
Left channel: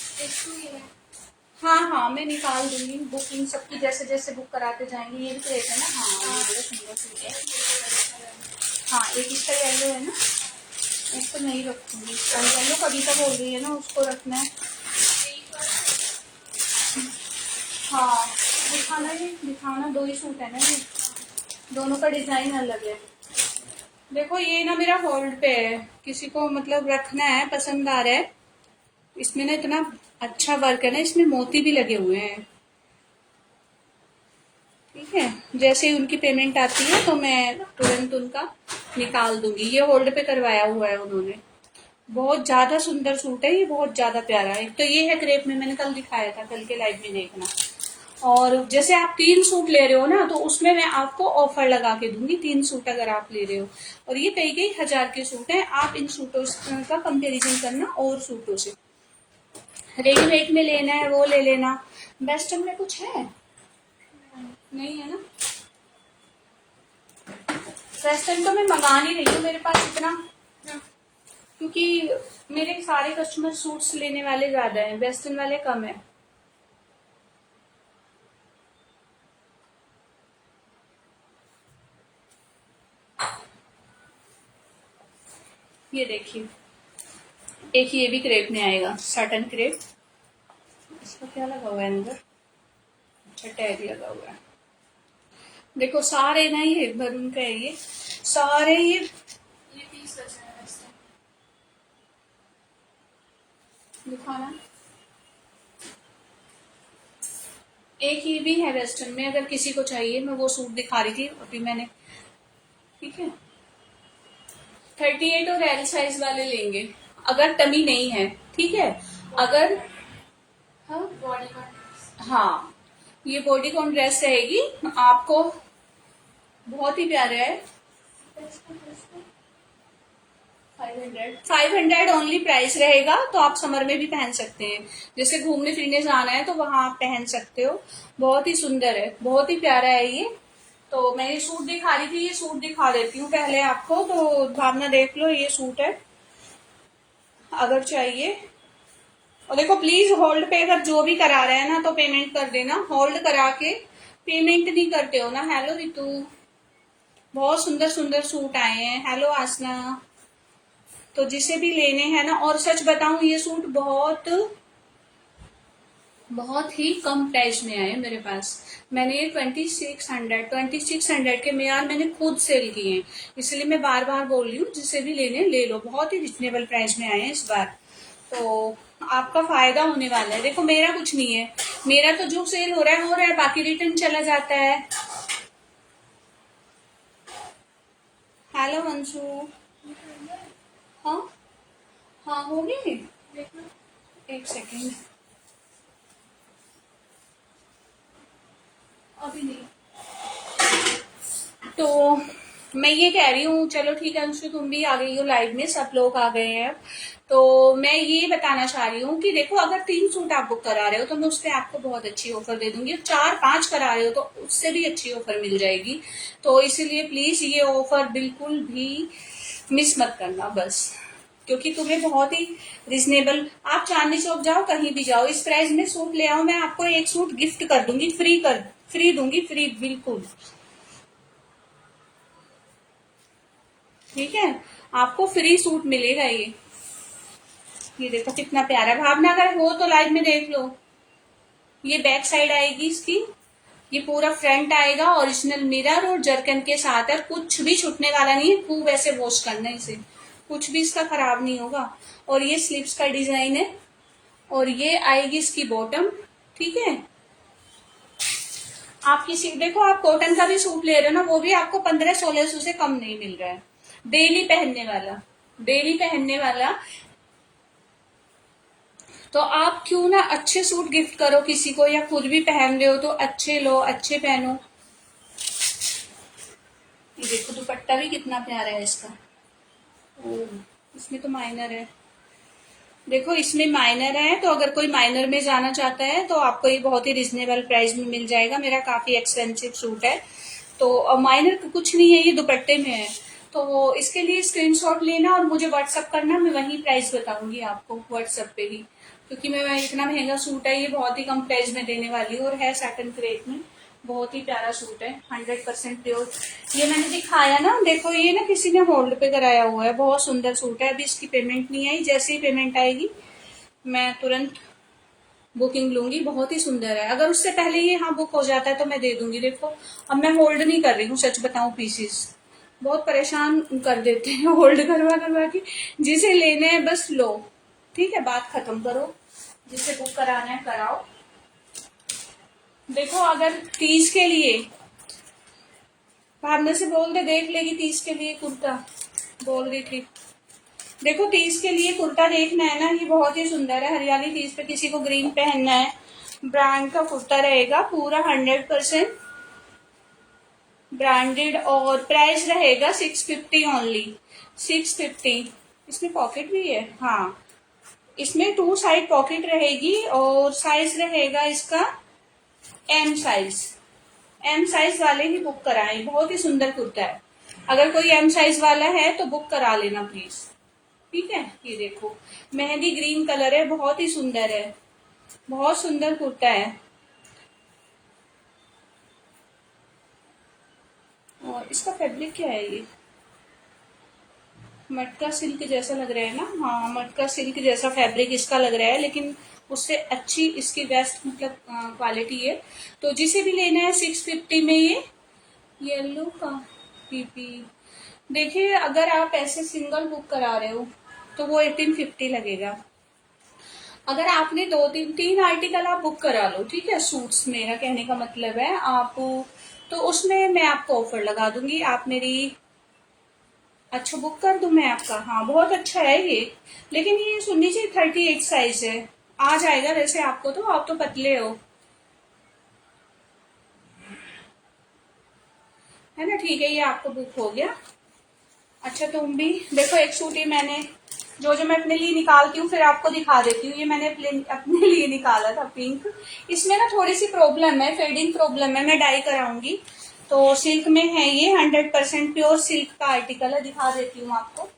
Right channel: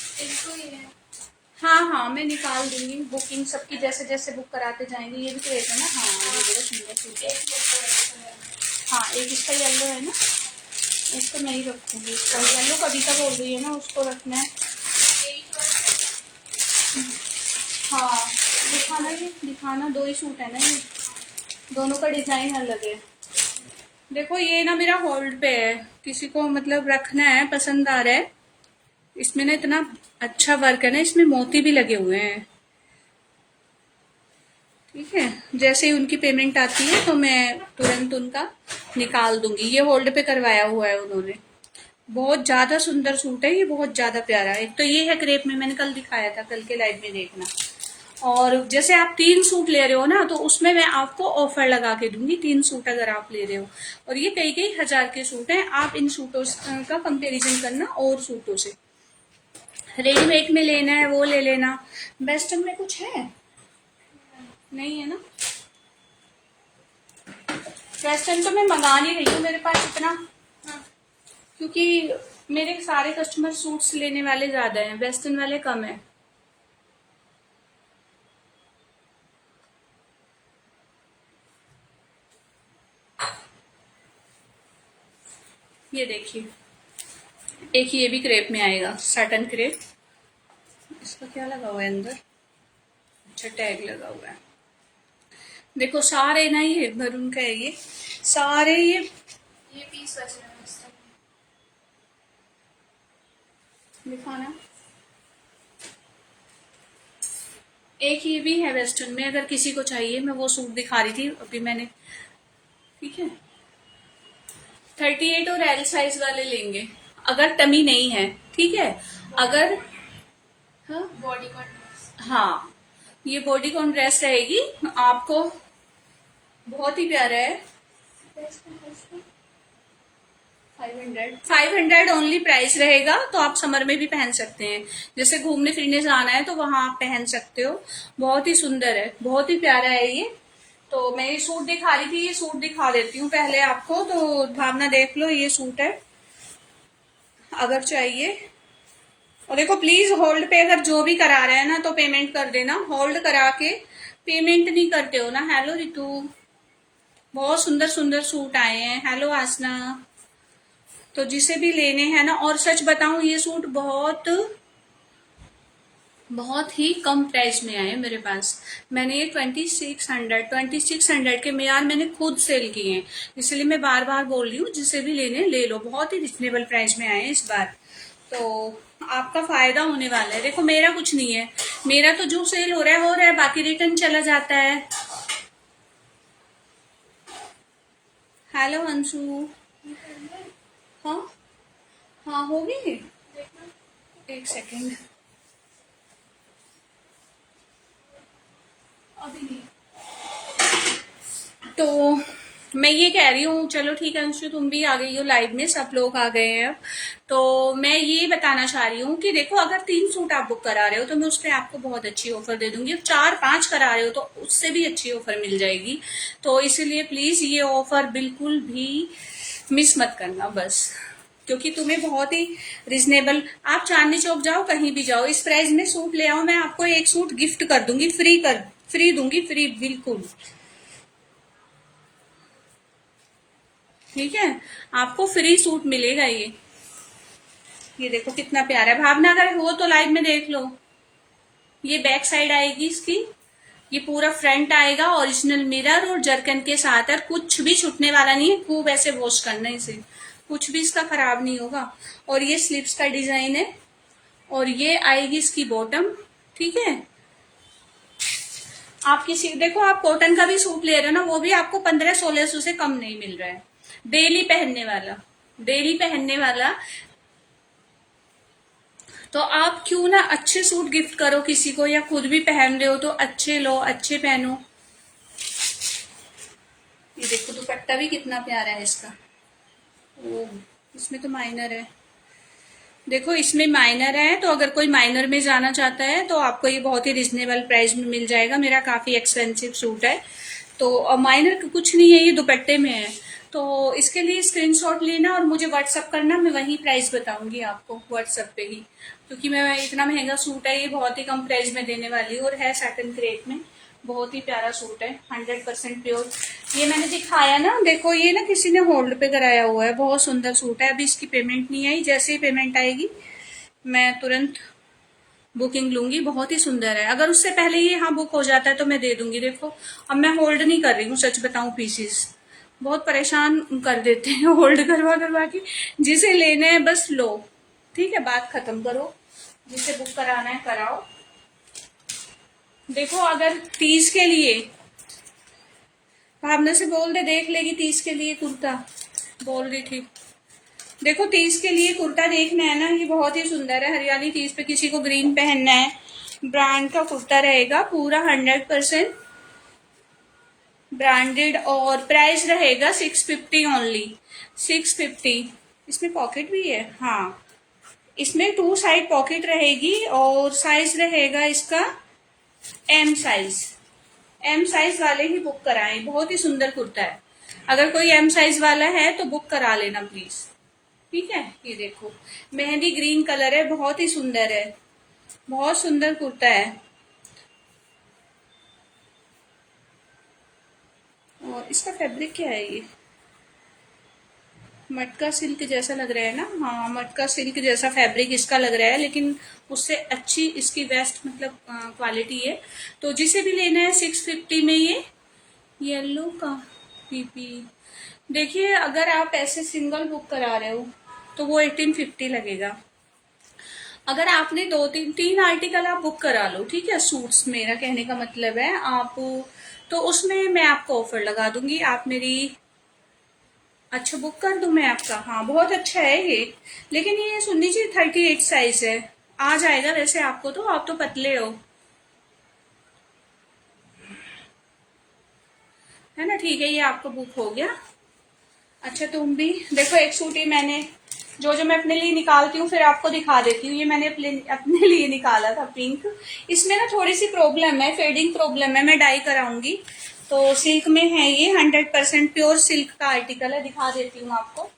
हाँ हाँ, मैं निकाल दूंगी, बुकिंग सबकी जैसे जैसे बुक कराते जाएंगे। ये भी तो एक है ना, हाँ ये बड़ा सुंदर सूट है। हाँ, एक इसका येलो है ना, इसको नहीं रखूंगी, और येलो कभी का बोल रही है ना, उसको रखना है। हाँ, दिखाना ही दिखाना, 2 ही सूट है ना ये, दोनों का डिजाइन अलग है। देखो ये ना मेरा होल्ड पे है, किसी को मतलब रखना है, पसंद आ रहा है। इसमें ना इतना अच्छा वर्क है ना, इसमें मोती भी लगे हुए हैं, ठीक है। जैसे ही उनकी पेमेंट आती है तो मैं तुरंत उनका निकाल दूंगी। ये होल्ड पे करवाया हुआ है उन्होंने। बहुत ज्यादा सुंदर सूट है ये, बहुत ज्यादा प्यारा। एक तो ये है क्रेप में, मैंने कल दिखाया था, कल के लाइव में देखना। और जैसे आप 3 सूट ले रहे हो ना, तो उसमें मैं आपको ऑफर लगा के दूंगी, 3 सूट अगर आप ले रहे हो। और ये कई कई हजार के सूट हैं, आप इन सूटों का कंपैरिजन करना और सूटों से। रेडीमेड में लेना है वो ले लेना। वेस्टर्न में कुछ है नहीं है ना, वेस्टर्न तो मैं मंगा नहीं रही हूँ, मेरे पास इतना क्योंकि मेरे सारे कस्टमर सूट्स लेने वाले ज्यादा हैं, वेस्टर्न वाले कम है। ये देखिए, एक ये भी क्रेप में आएगा, साटन क्रेप। इसका क्या लगा हुआ है अंदर? अच्छा, टैग लगा हुआ है। देखो सारे ना ये भरून का है, ये सारे ये पीस बच रहा है इस टाइम। दिखाना। एक ये भी है वेस्टर्न में, अगर किसी को चाहिए, मैं वो सूट दिखा रही थी अभी मैंने। ठीक है, 38 और एल साइज वाले लेंगे अगर टमी नहीं है। ठीक है, अगर हाँ बॉडी कॉन, हाँ ये बॉडी कॉन ड्रेस रहेगी आपको, बहुत ही प्यारा है। 500 ओनली प्राइस रहेगा, तो आप समर में भी पहन सकते हैं, जैसे घूमने फिरने जाना है तो वहां आप पहन सकते हो। बहुत ही सुंदर है, बहुत ही प्यारा है ये। तो मैं ये सूट दिखा रही थी, ये सूट दिखा देती हूँ पहले आपको, तो भावना देख लो, ये सूट है अगर चाहिए। और देखो प्लीज होल्ड पे अगर जो भी करा रहे हैं ना तो पेमेंट कर देना, होल्ड करा के पेमेंट नहीं करते हो ना। हेलो रितु, बहुत सुंदर सुंदर सूट आए हैं। हेलो आसना। तो जिसे भी लेने हैं ना, और सच बताऊं ये सूट बहुत बहुत ही कम प्राइस में आए मेरे पास। मैंने ये 2600 के मेयार मैंने खुद सेल किए हैं, इसलिए मैं बार बार बोल रही हूँ जिसे भी लेने ले लो, बहुत ही रिजनेबल प्राइस में आए हैं इस बार। तो आपका फायदा होने वाला है। देखो मेरा कुछ नहीं है, मेरा तो जो सेल हो रहा है, बाकी रिटर्न चला जाता है। हेलो अंशु। हाँ हाँ होगी, एक सेकेंड, अभी नहीं। तो मैं ये कह रही हूँ, चलो ठीक है अंशु, तुम भी आ गई हो लाइव में, सब लोग आ गए हैं अब। तो मैं ये बताना चाह रही हूँ कि देखो अगर 3 सूट आप बुक करा रहे हो तो मैं उस पर आपको बहुत अच्छी ऑफर दे दूंगी, 4-5 करा रहे हो तो उससे भी अच्छी ऑफर मिल जाएगी। तो इसीलिए प्लीज ये ऑफर बिल्कुल भी मिस मत करना बस, क्योंकि तुम्हें बहुत ही रिजनेबल, आप चांदनी चौक जाओ कहीं भी जाओ, इस प्राइस में सूट ले आओ, मैं आपको एक सूट गिफ्ट कर दूंगी, फ्री दूंगी, फ्री बिल्कुल। ठीक है, आपको फ्री सूट मिलेगा ये देखो कितना प्यारा है। भावना अगर हो तो लाइव में देख लो। ये बैक साइड आएगी इसकी, ये पूरा फ्रंट आएगा, ओरिजिनल मिरर और जरकन के साथ, और कुछ भी छूटने वाला नहीं है, खूब ऐसे वॉश करना है इसे, कुछ भी इसका खराब नहीं होगा। और ये स्लीव्स का डिजाइन है, और ये आएगी इसकी बॉटम। ठीक है, आप किसी देखो, आप कॉटन का भी सूट ले रहे हो ना, वो भी आपको 1500-1600 से कम नहीं मिल रहा है, डेली पहनने वाला, डेली पहनने वाला। तो आप क्यों ना अच्छे सूट गिफ्ट करो किसी को, या खुद भी पहन रहे हो तो अच्छे लो, अच्छे पहनो। ये देखो दुपट्टा भी कितना प्यारा है इसका। ओ, इसमें तो माइनर है, देखो इसमें माइनर है, तो अगर कोई माइनर में जाना चाहता है तो आपको ये बहुत ही रिजनेबल प्राइस में मिल जाएगा। मेरा काफी एक्सपेंसिव सूट है, तो माइनर कुछ नहीं है, ये दुपट्टे में है। तो इसके लिए स्क्रीनशॉट लेना और मुझे व्हाट्सअप करना, मैं वही प्राइस बताऊंगी आपको व्हाट्सएप पे ही, क्योंकि मैं इतना महंगा सूट है, ये बहुत ही कम प्राइस में देने वाली हूँ, और है सैटिन क्रेप में, बहुत ही प्यारा सूट है, 100% प्योर। ये मैंने दिखाया ना, देखो ये ना किसी ने होल्ड पे कराया हुआ है, बहुत सुंदर सूट है। अभी इसकी पेमेंट नहीं आई, जैसे ही पेमेंट आएगी मैं तुरंत बुकिंग लूंगी। बहुत ही सुंदर है, अगर उससे पहले ये यहाँ बुक हो जाता है तो मैं दे दूंगी। देखो अब मैं होल्ड नहीं कर रही हूँ, सच बताऊं पीसीस बहुत परेशान कर देते हैं होल्ड करवा करवा के। जिसे लेना है बस लो, ठीक है, बात खत्म करो, जिसे बुक कराना है कराओ। देखो अगर 30 के लिए, भावना से बोल दे देख लेगी 30 के लिए कुर्ता, बोल रही थी। देखो 30 के लिए कुर्ता देखना है ना, ये बहुत ही सुंदर है, हरियाली 30 पे किसी को ग्रीन पहनना है, ब्रांड का कुर्ता रहेगा पूरा 100% ब्रांडेड, और प्राइस रहेगा 650 ओनली, 650। इसमें पॉकेट भी है, हाँ इसमें 2 साइड पॉकेट रहेगी, और साइज रहेगा इसका एम साइज। एम साइज वाले ही बुक कराएं, बहुत ही सुंदर कुर्ता है। अगर कोई एम साइज वाला है तो बुक करा लेना प्लीज। ठीक है, ये देखो मेहंदी ग्रीन कलर है, बहुत ही सुंदर है, बहुत सुंदर कुर्ता है। और इसका फैब्रिक क्या है ये, मटका सिल्क जैसा लग रहा है ना, हाँ मटका सिल्क जैसा फैब्रिक इसका लग रहा है, लेकिन उससे अच्छी इसकी वेस्ट मतलब क्वालिटी है। तो जिसे भी लेना है 650 में ये येलो का पीपी। देखिए अगर आप ऐसे सिंगल बुक करा रहे हो तो वो 1850 लगेगा। अगर आपने दो तीन तीन आर्टिकल आप बुक करा लो, ठीक है, सूट्स मेरा कहने का मतलब है आप, तो उसमें मैं आपको ऑफर लगा दूंगी। आप मेरी, अच्छा बुक कर दूं मैं आपका, हाँ बहुत अच्छा है ये। लेकिन ये सुन लीजिए 38 साइज है, आ जाएगा वैसे आपको, तो आप तो पतले हो, है ना, ठीक है ये आपको बुक हो गया। अच्छा तुम भी देखो, एक सूट ही मैंने, जो मैं अपने लिए निकालती हूँ फिर आपको दिखा देती हूँ, ये मैंने अपने लिए निकाला था पिंक। इसमें ना थोड़ी सी प्रॉब्लम है, फेडिंग प्रॉब्लम है, मैं डाई कराऊंगी। तो सिल्क में है ये, 100% प्योर सिल्क का आर्टिकल है, दिखा देती हूँ आपको।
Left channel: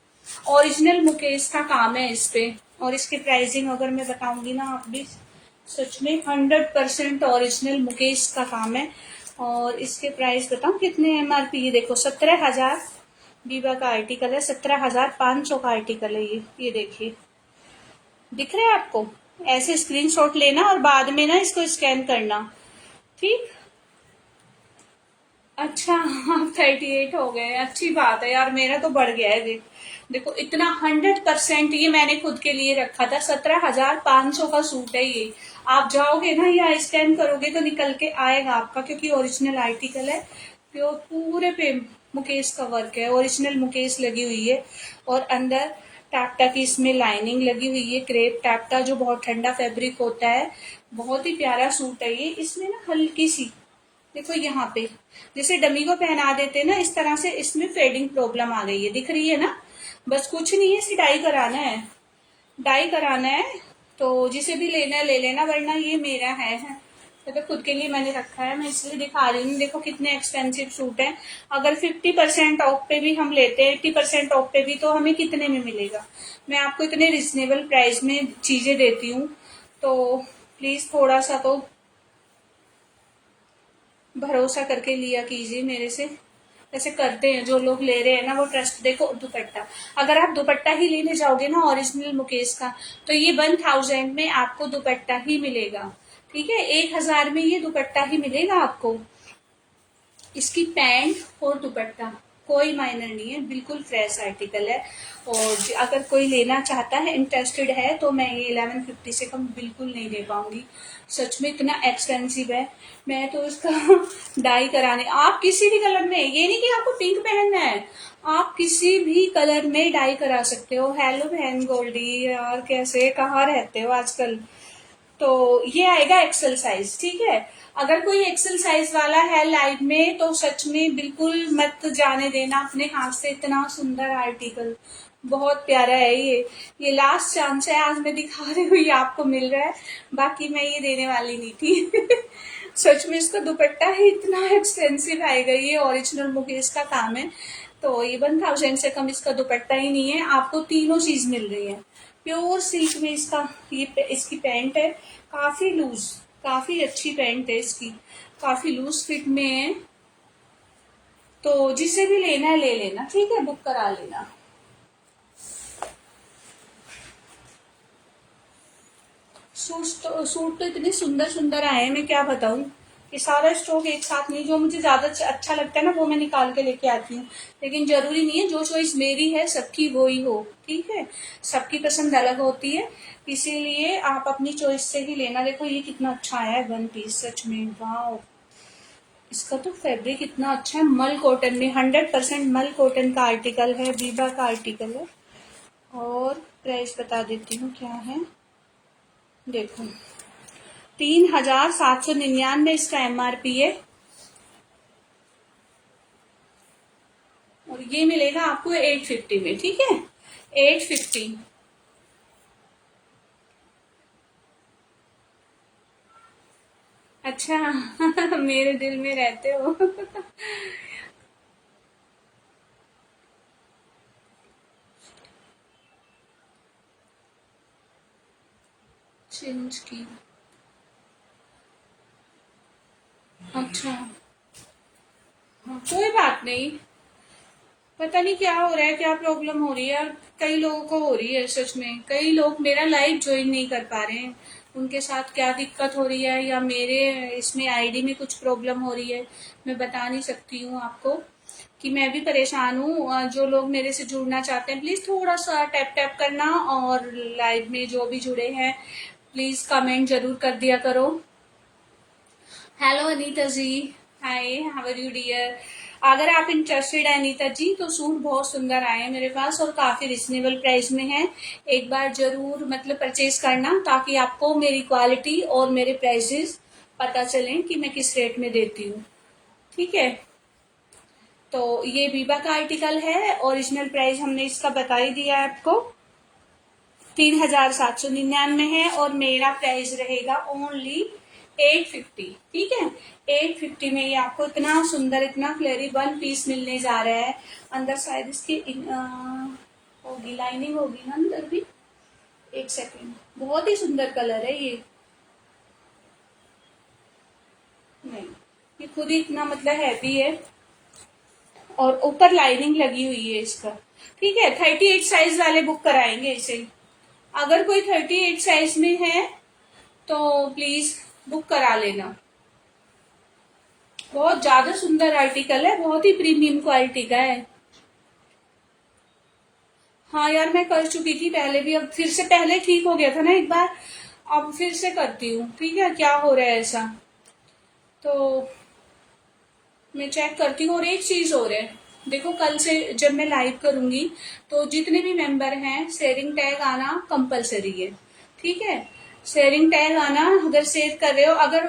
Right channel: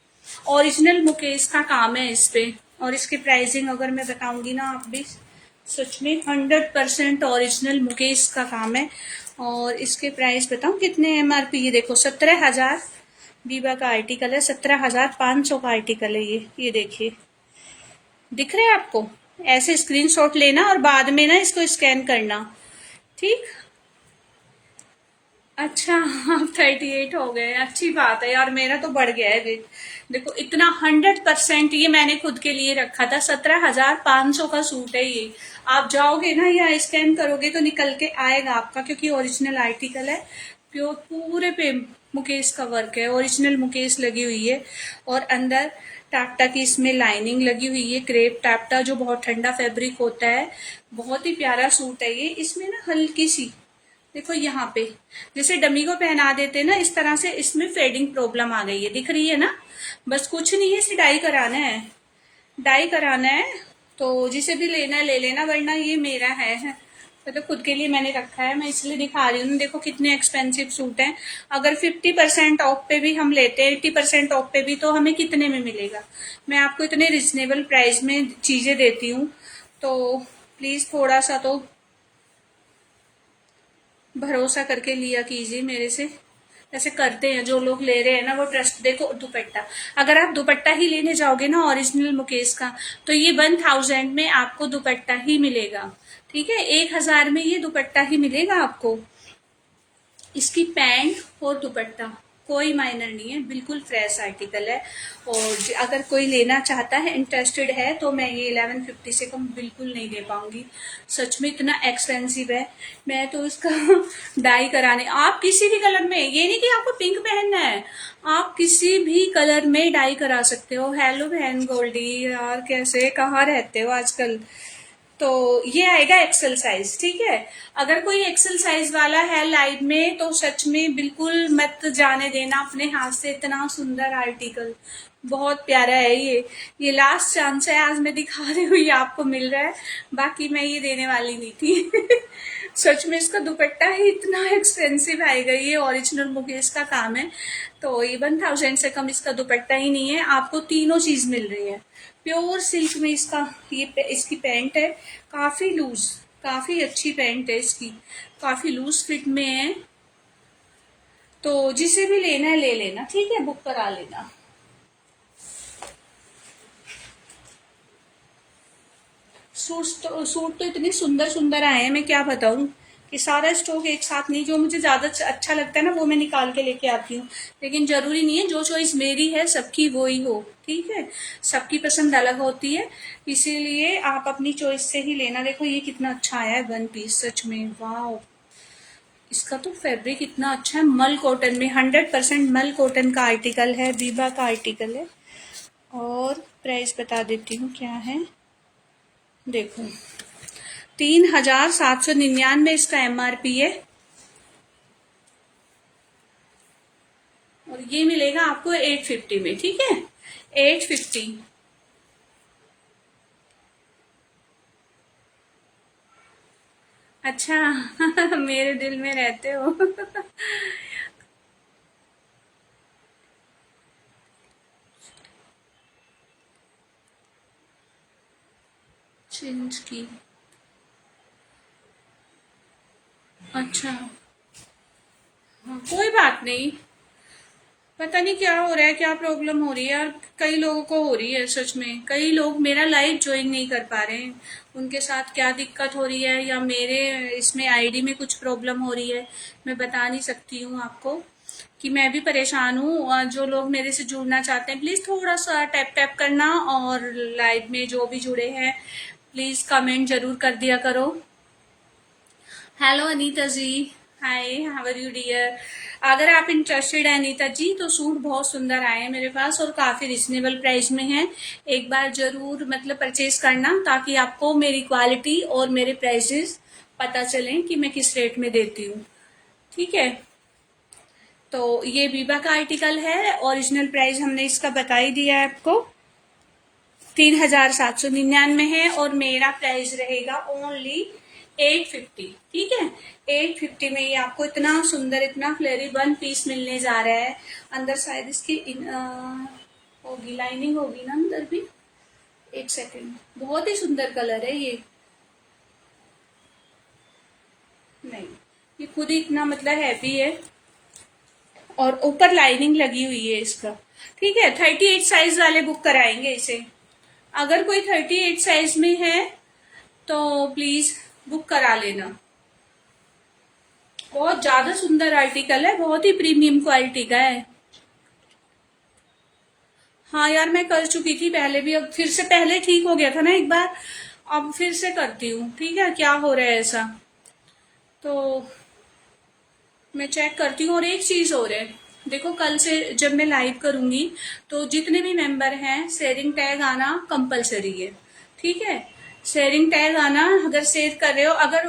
ओरिजिनल मुकेश का काम है इस पे। और इसकी प्राइसिंग अगर मैं बताऊंगी ना, आप भी सच में 100% ओरिजिनल मुकेश का काम है। और इसके प्राइस बताऊं कितने MRP, ये देखो 17,000 बीबा का आर्टिकल है, 17,500 का आर्टिकल है ये देखिए, दिख रहा है आपको। ऐसे स्क्रीनशॉट लेना और बाद में ना इसको स्कैन करना, ठीक। अच्छा आप 38 हो गए, अच्छी बात है यार, मेरा तो बढ़ गया है वेट। देखो इतना 100% ये मैंने खुद के लिए रखा था, 17,500 का सूट है ये। आप जाओगे ना या स्कैन करोगे तो निकल के आएगा आपका, क्योंकि ओरिजिनल आर्टिकल है, प्योर पूरे पे मुकेश का वर्क है, ओरिजिनल मुकेश लगी हुई है। और अंदर टाप्टा की इसमें लाइनिंग लगी हुई है, क्रेप टाप्टा, जो बहुत ठंडा फैब्रिक होता है। बहुत ही प्यारा सूट है ये। इसमें ना हल्की सी, देखो यहाँ पे जैसे डमी को पहना देते हैं ना, इस तरह से इसमें फेडिंग प्रॉब्लम आ गई है, दिख रही है ना। बस कुछ नहीं है, इसे डाई कराना है, डाई कराना है। तो जिसे भी लेना है ले लेना, वरना ये मेरा है तो खुद के लिए मैंने रखा है, मैं इसलिए दिखा रही हूँ। देखो कितने एक्सपेंसिव सूट हैं। अगर 50% ऑफ पे भी हम लेते हैं, 80% ऑफ पे भी, तो हमें कितने में मिलेगा। मैं आपको इतने रिजनेबल प्राइस में चीजें देती हूँ, तो प्लीज थोड़ा सा तो भरोसा करके लिया कीजिए मेरे से। ऐसे करते हैं जो लोग ले रहे हैं ना, वो ट्रस्ट। देखो दुपट्टा, अगर आप दुपट्टा ही लेने जाओगे ना ओरिजिनल मुकेश का, तो ये 1000 में आपको दुपट्टा ही मिलेगा, ठीक है, 1000 में ये दुपट्टा ही मिलेगा आपको। इसकी पैंट और दुपट्टा कोई माइनर नहीं है, बिल्कुल फ्रेश आर्टिकल है। और अगर कोई लेना चाहता है, इंटरेस्टेड है, तो मैं ये 1150 से कम बिल्कुल नहीं दे पाऊंगी, सच में इतना एक्सपेंसिव है। मैं तो इसका डाई कराने, आप किसी भी कलर में, ये नहीं कि आपको पिंक पहनना है, आप किसी भी कलर में डाई करा सकते हो। हेलो बहन गोल्डी, यार कैसे, कहाँ रहते हो आजकल। तो ये आएगा एक्सेल साइज, ठीक है। अगर कोई एक्सेल साइज वाला है लाइव में, तो सच में बिल्कुल मत जाने देना अपने हाथ से, इतना सुंदर आर्टिकल, बहुत प्यारा है ये लास्ट चांस है, आज मैं दिखा रही हूँ, ये आपको मिल रहा है, बाकी मैं ये देने वाली नहीं थी। सच में इसका दुपट्टा ही इतना एक्सपेंसिव आएगा, ये ओरिजिनल मुकेश का काम है। तो ये 1000 से कम इसका दुपट्टा ही नहीं है, आपको तीनों चीज मिल रही है। प्योर सिल्क में इसका इसकी पैंट है, काफी लूज, काफी अच्छी पैंट है इसकी, काफी लूज फिट में है। तो जिसे भी लेना है ले लेना, ठीक है, बुक करा लेना। सूट तो इतने सुंदर सुंदर आए हैं, मैं क्या बताऊं, कि सारा स्टॉक एक साथ नहीं, जो मुझे ज्यादा अच्छा लगता है ना वो मैं निकाल के लेके आती हूँ। लेकिन जरूरी नहीं है जो चॉइस मेरी है सबकी वो ही हो, ठीक है, सबकी पसंद अलग होती है, इसीलिए आप अपनी चॉइस से ही लेना। देखो ये कितना अच्छा आया है वन पीस, सच में वाह। इसका तो फैब्रिक इतना अच्छा है, मल कॉटन में, 100% मल कॉटन का आर्टिकल है, बीबा का आर्टिकल है। और प्राइस बता देती हूँ क्या है, देखो 3,799 इसका MRP है। और ये मिलेगा आपको 850 में, ठीक है, 850। अच्छा मेरे दिल में रहते हो। चेंज की। अच्छा, कोई बात नहीं। पता नहीं क्या हो रहा है, क्या प्रॉब्लम हो रही है यार। कई लोगों को हो रही है सच में, कई लोग मेरा लाइव ज्वाइन नहीं कर पा रहे हैं। उनके साथ क्या दिक्कत हो रही है, या मेरे इसमें आईडी में कुछ प्रॉब्लम हो रही है, मैं बता नहीं सकती हूँ आपको। कि मैं भी परेशान हूँ। जो लोग मेरे से जुड़ना चाहते हैं प्लीज थोड़ा सा टैप टैप करना, और लाइव में जो भी जुड़े हैं प्लीज कमेंट जरूर कर दिया करो। Hello Anita ji, hi, how are you dear. अगर आप इंटरेस्टेड है अनीता जी, तो सूट बहुत सुंदर आए हैं मेरे पास और काफी रिजनेबल प्राइस में है। एक बार जरूर मतलब परचेज करना, ताकि आपको मेरी क्वालिटी और मेरे प्राइसेस पता चलें कि मैं किस रेट में देती हूँ। ठीक है, तो ये बीबा का आर्टिकल है। ओरिजिनल प्राइस हमने इसका बता ही दिया है आपको, 3799 है, और मेरा प्राइस रहेगा ओनली 850। ठीक है, 850 में ये आपको इतना सुंदर, इतना फ्लेरी वन पीस मिलने जा रहा है। अंदर शायद इसकी होगी, लाइनिंग होगी ना अंदर भी। एक सेकेंड, बहुत ही सुंदर कलर है ये। नहीं, ये खुद ही इतना मतलब हैवी है, और ऊपर लाइनिंग लगी हुई है इसका। ठीक है, 38 साइज वाले बुक कराएंगे इसे। अगर कोई 38 साइज में है तो प्लीज बुक करा लेना। बहुत ज्यादा सुंदर आर्टिकल है, बहुत ही प्रीमियम क्वालिटी का है। हाँ यार, मैं कर चुकी थी पहले भी, अब फिर से, पहले ठीक हो गया था ना एक बार, अब फिर से करती हूँ। ठीक है, क्या हो रहा है ऐसा, तो मैं चेक करती हूँ। और एक चीज और है, देखो कल से जब मैं लाइव करूंगी तो जितने भी मेंबर हैं शेयरिंग टैग आना कंपलसरी है। ठीक है, शेयरिंग टैग आना, अगर शेयर कर रहे हो, अगर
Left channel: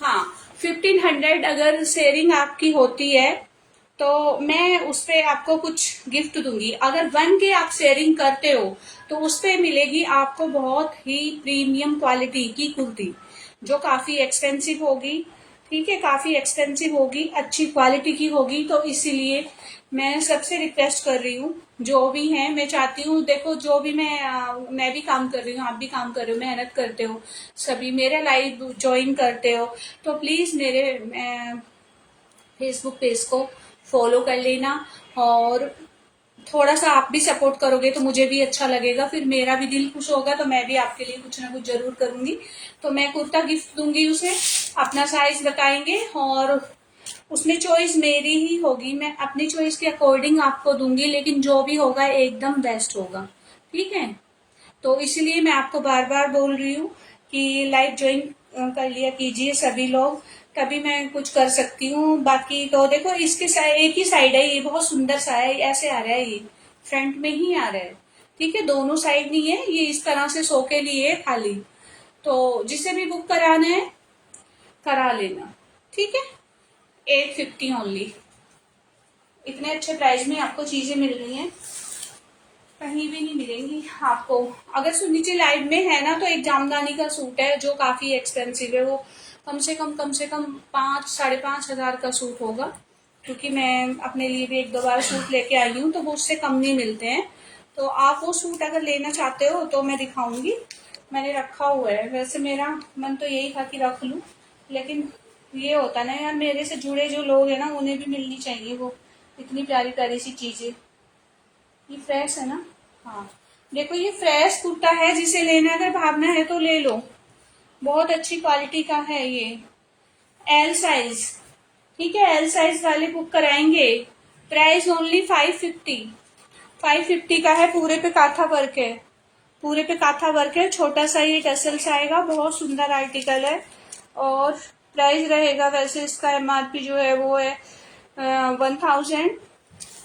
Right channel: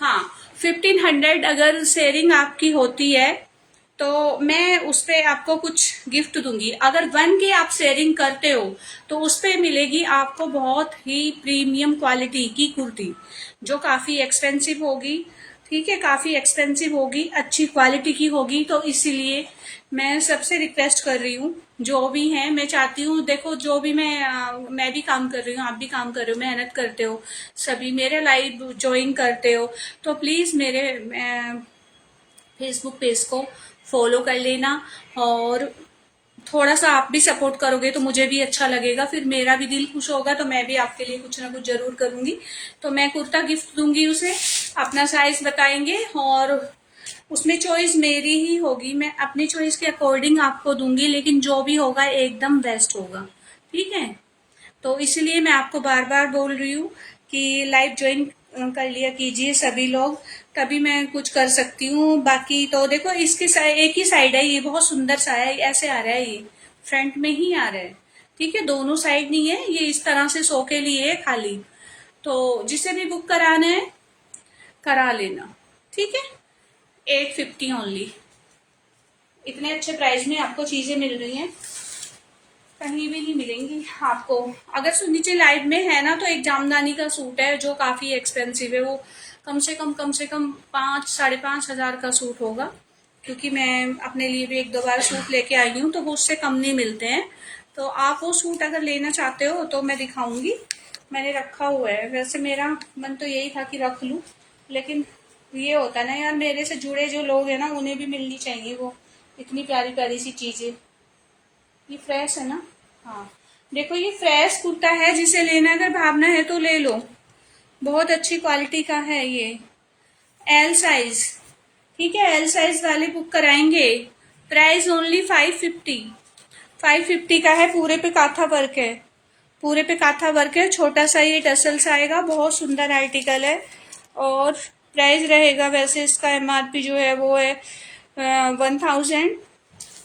हाँ, 1500 अगर शेयरिंग आपकी होती है तो मैं उस पे आपको कुछ गिफ्ट दूंगी। अगर 1K आप शेयरिंग करते हो तो उस पे मिलेगी आपको बहुत ही प्रीमियम क्वालिटी की कुर्ती, जो काफी एक्सपेंसिव होगी। ठीक है, काफी एक्सपेंसिव होगी, अच्छी क्वालिटी की होगी। तो इसीलिए मैं सबसे रिक्वेस्ट कर रही हूँ, जो भी है, मैं चाहती हूँ, देखो जो भी मैं भी काम कर रही हूँ, आप भी काम कर रहे हो, मेहनत करते हो, सभी मेरे लाइव ज्वाइन करते हो, तो प्लीज मेरे फेसबुक पेज को फॉलो कर लेना। और थोड़ा सा आप भी सपोर्ट करोगे तो मुझे भी अच्छा लगेगा, फिर मेरा भी दिल खुश होगा, तो मैं भी आपके लिए कुछ ना कुछ जरूर करूंगी। तो मैं कुर्ता गिफ्ट दूंगी उसे, अपना साइज बताएंगे, और उसमें चॉइस मेरी ही होगी, मैं अपनी चॉइस के अकॉर्डिंग आपको दूंगी, लेकिन जो भी होगा एकदम बेस्ट होगा। ठीक है, तो इसलिए मैं आपको बार बार बोल रही हूँ कि लाइव ज्वाइन कर लिया कीजिए सभी लोग, तभी मैं कुछ कर सकती हूँ। बाकी तो देखो, इसके एक ही साइड है, ये बहुत सुंदर सा है, ऐसे आ रहा है, ये फ्रंट में ही आ रहा है। ठीक है, दोनों साइड नहीं है, ये इस तरह से शो के लिए है खाली। तो जिसे भी बुक कराना है करा लेना। ठीक है, 850 ओनली, इतने अच्छे प्राइस में आपको चीजें मिल रही हैं, कहीं भी नहीं मिलेंगी आपको। अगर नीचे लाइट में है ना, तो एक जामदानी का सूट है जो काफी एक्सपेंसिव है, वो कम से कम 5-5.5 हजार का सूट होगा, क्योंकि मैं अपने लिए भी 1-2 बार सूट लेके आई हूँ, तो वो उससे कम नहीं मिलते हैं। तो आप वो सूट अगर लेना चाहते हो तो मैं दिखाऊंगी, मैंने रखा हुआ है। वैसे मेरा मन तो यही था कि रख लूं, लेकिन ये होता ना यार, मेरे से जुड़े जो लोग हैं ना, उन्हें भी मिलनी चाहिए वो इतनी प्यारी प्यारी सी चीजें। ये फ्रेश है ना। हाँ, देखो ये फ्रेश कुर्ता है, जिसे लेना अगर भावना है तो ले लो, बहुत अच्छी क्वालिटी का है ये। एल साइज, ठीक है, एल साइज वाले बुक कराएंगे। प्राइस ओनली 550, 550 का है। पूरे पे काथा वर्क है, पूरे पे काथा वर्क है, छोटा सा ये टसल्स आएगा, बहुत सुंदर आर्टिकल है। और प्राइस रहेगा, वैसे इसका एमआरपी जो है वो है 1000,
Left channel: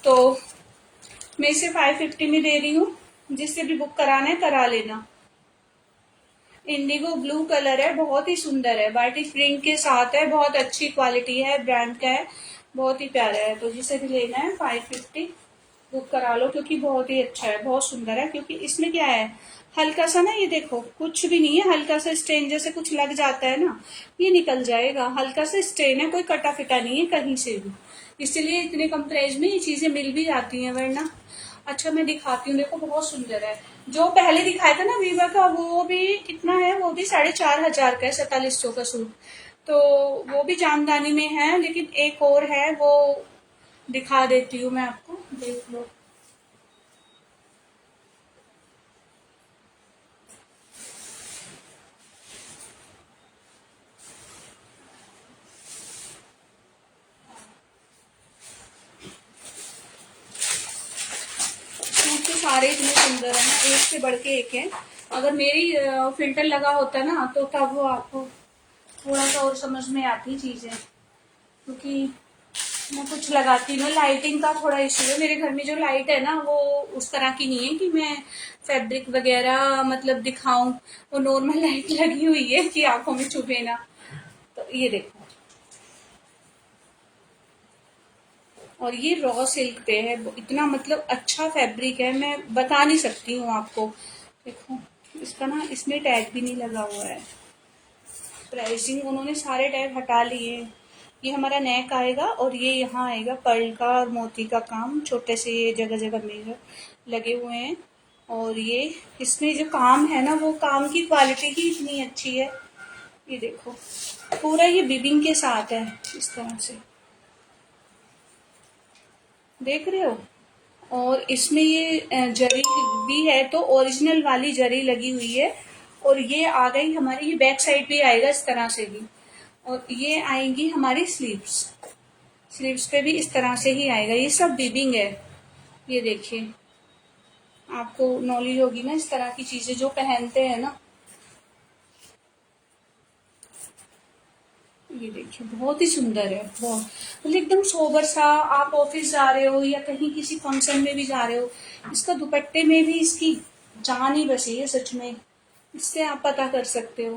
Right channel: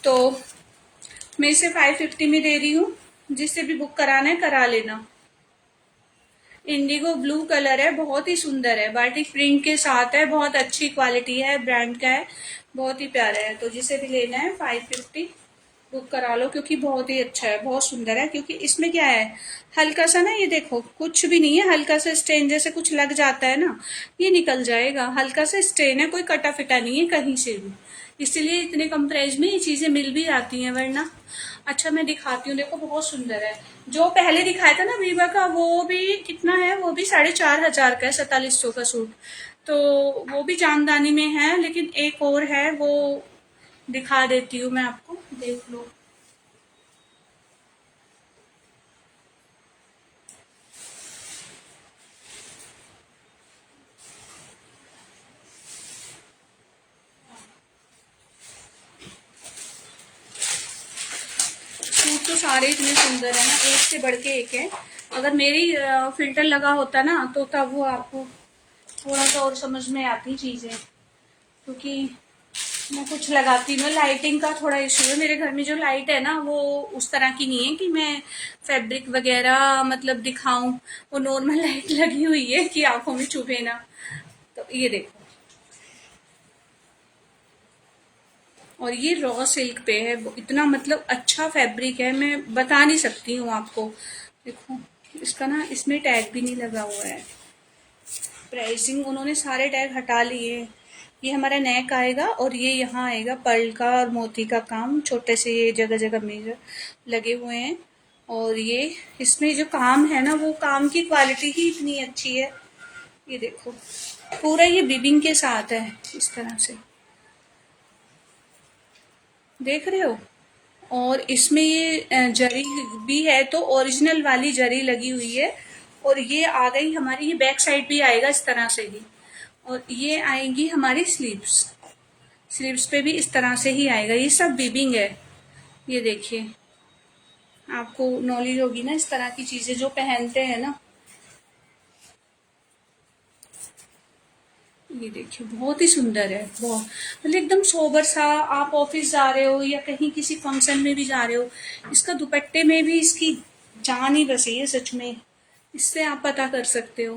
तो मैं इसे 550 में दे रही हूँ। जिससे भी बुक कराना है करा लेना। इंडिगो ब्लू कलर है, बहुत ही सुंदर है, बाटिक प्रिंट के साथ है, बहुत अच्छी क्वालिटी है, ब्रांड का है, बहुत ही प्यारा है। तो जिसे भी लेना है 550 बुक करा लो, क्योंकि बहुत ही अच्छा है, बहुत सुंदर है। क्योंकि इसमें क्या है, हल्का सा ना, ये देखो कुछ भी नहीं है, हल्का सा स्टेन जैसे कुछ लग जाता है ना, ये निकल जाएगा। हल्का सा स्टेन है, कोई कटा फिटा नहीं है कहीं से भी, इसीलिए इतने कम प्राइस में ये चीजें मिल भी जाती हैं, वरना। अच्छा मैं दिखाती हूँ, देखो बहुत सुंदर है। जो पहले दिखाया था ना वीवा का, वो भी कितना है, वो भी 4,500 का है, 4700 का सूट। तो वो भी जामदानी में है, लेकिन एक और है, वो दिखा देती हूँ मैं आपको, देख लो। सूट तो सारे इतने सुंदर है ना, एक से बढ़ के एक है। अगर मेरी फिल्टर लगा होता ना, तो तब वो आपको थोड़ा सा और समझ में आती चीजें, क्योंकि मैं कुछ लगाती हूँ। लाइटिंग का थोड़ा इशू है मेरे घर में, जो लाइट है ना वो उस तरह की नहीं है कि मैं फैब्रिक वगैरह मतलब दिखाऊं। वो नॉर्मल लाइट लगी हुई है कि आंखों में चुभे ना। तो ये देखो, और ये रॉ सिल्क पे है, इतना मतलब अच्छा फैब्रिक है, मैं बता नहीं सकती हूँ आपको। देखो इसका ना, इसमें टैग भी नहीं लगा हुआ है। प्राइसिंग उन्होंने सारे टैग हटा लिए। ये हमारा नेक आएगा, और ये यहाँ आएगा पर्ल का और मोती का काम, छोटे से ये जगह जगह में लगे हुए हैं। और ये इसमें जो काम है ना, वो काम की क्वालिटी ही इतनी अच्छी है। ये देखो पूरा ये बिबिंग के साथ है, इस तरह से, देख रहे हो। और इसमें ये जरी भी है, तो ओरिजिनल वाली जरी लगी हुई है। और ये आ गई हमारी, ये बैक साइड भी आएगा इस तरह से भी। और ये आएंगी हमारी स्लीव्स, स्लीव्स पे भी इस तरह से ही आएगा। ये सब बीबिंग है, ये देखिए, आपको नॉलेज होगी ना इस तरह की चीजें जो पहनते हैं ना। ये देखिए बहुत ही सुंदर है, बहुत मतलब एकदम सोबर सा। आप ऑफिस जा रहे हो या कहीं किसी फंक्शन में भी जा रहे हो, इसका दुपट्टे में भी इसकी जान ही बसी है सच में। इससे आप पता कर सकते हो,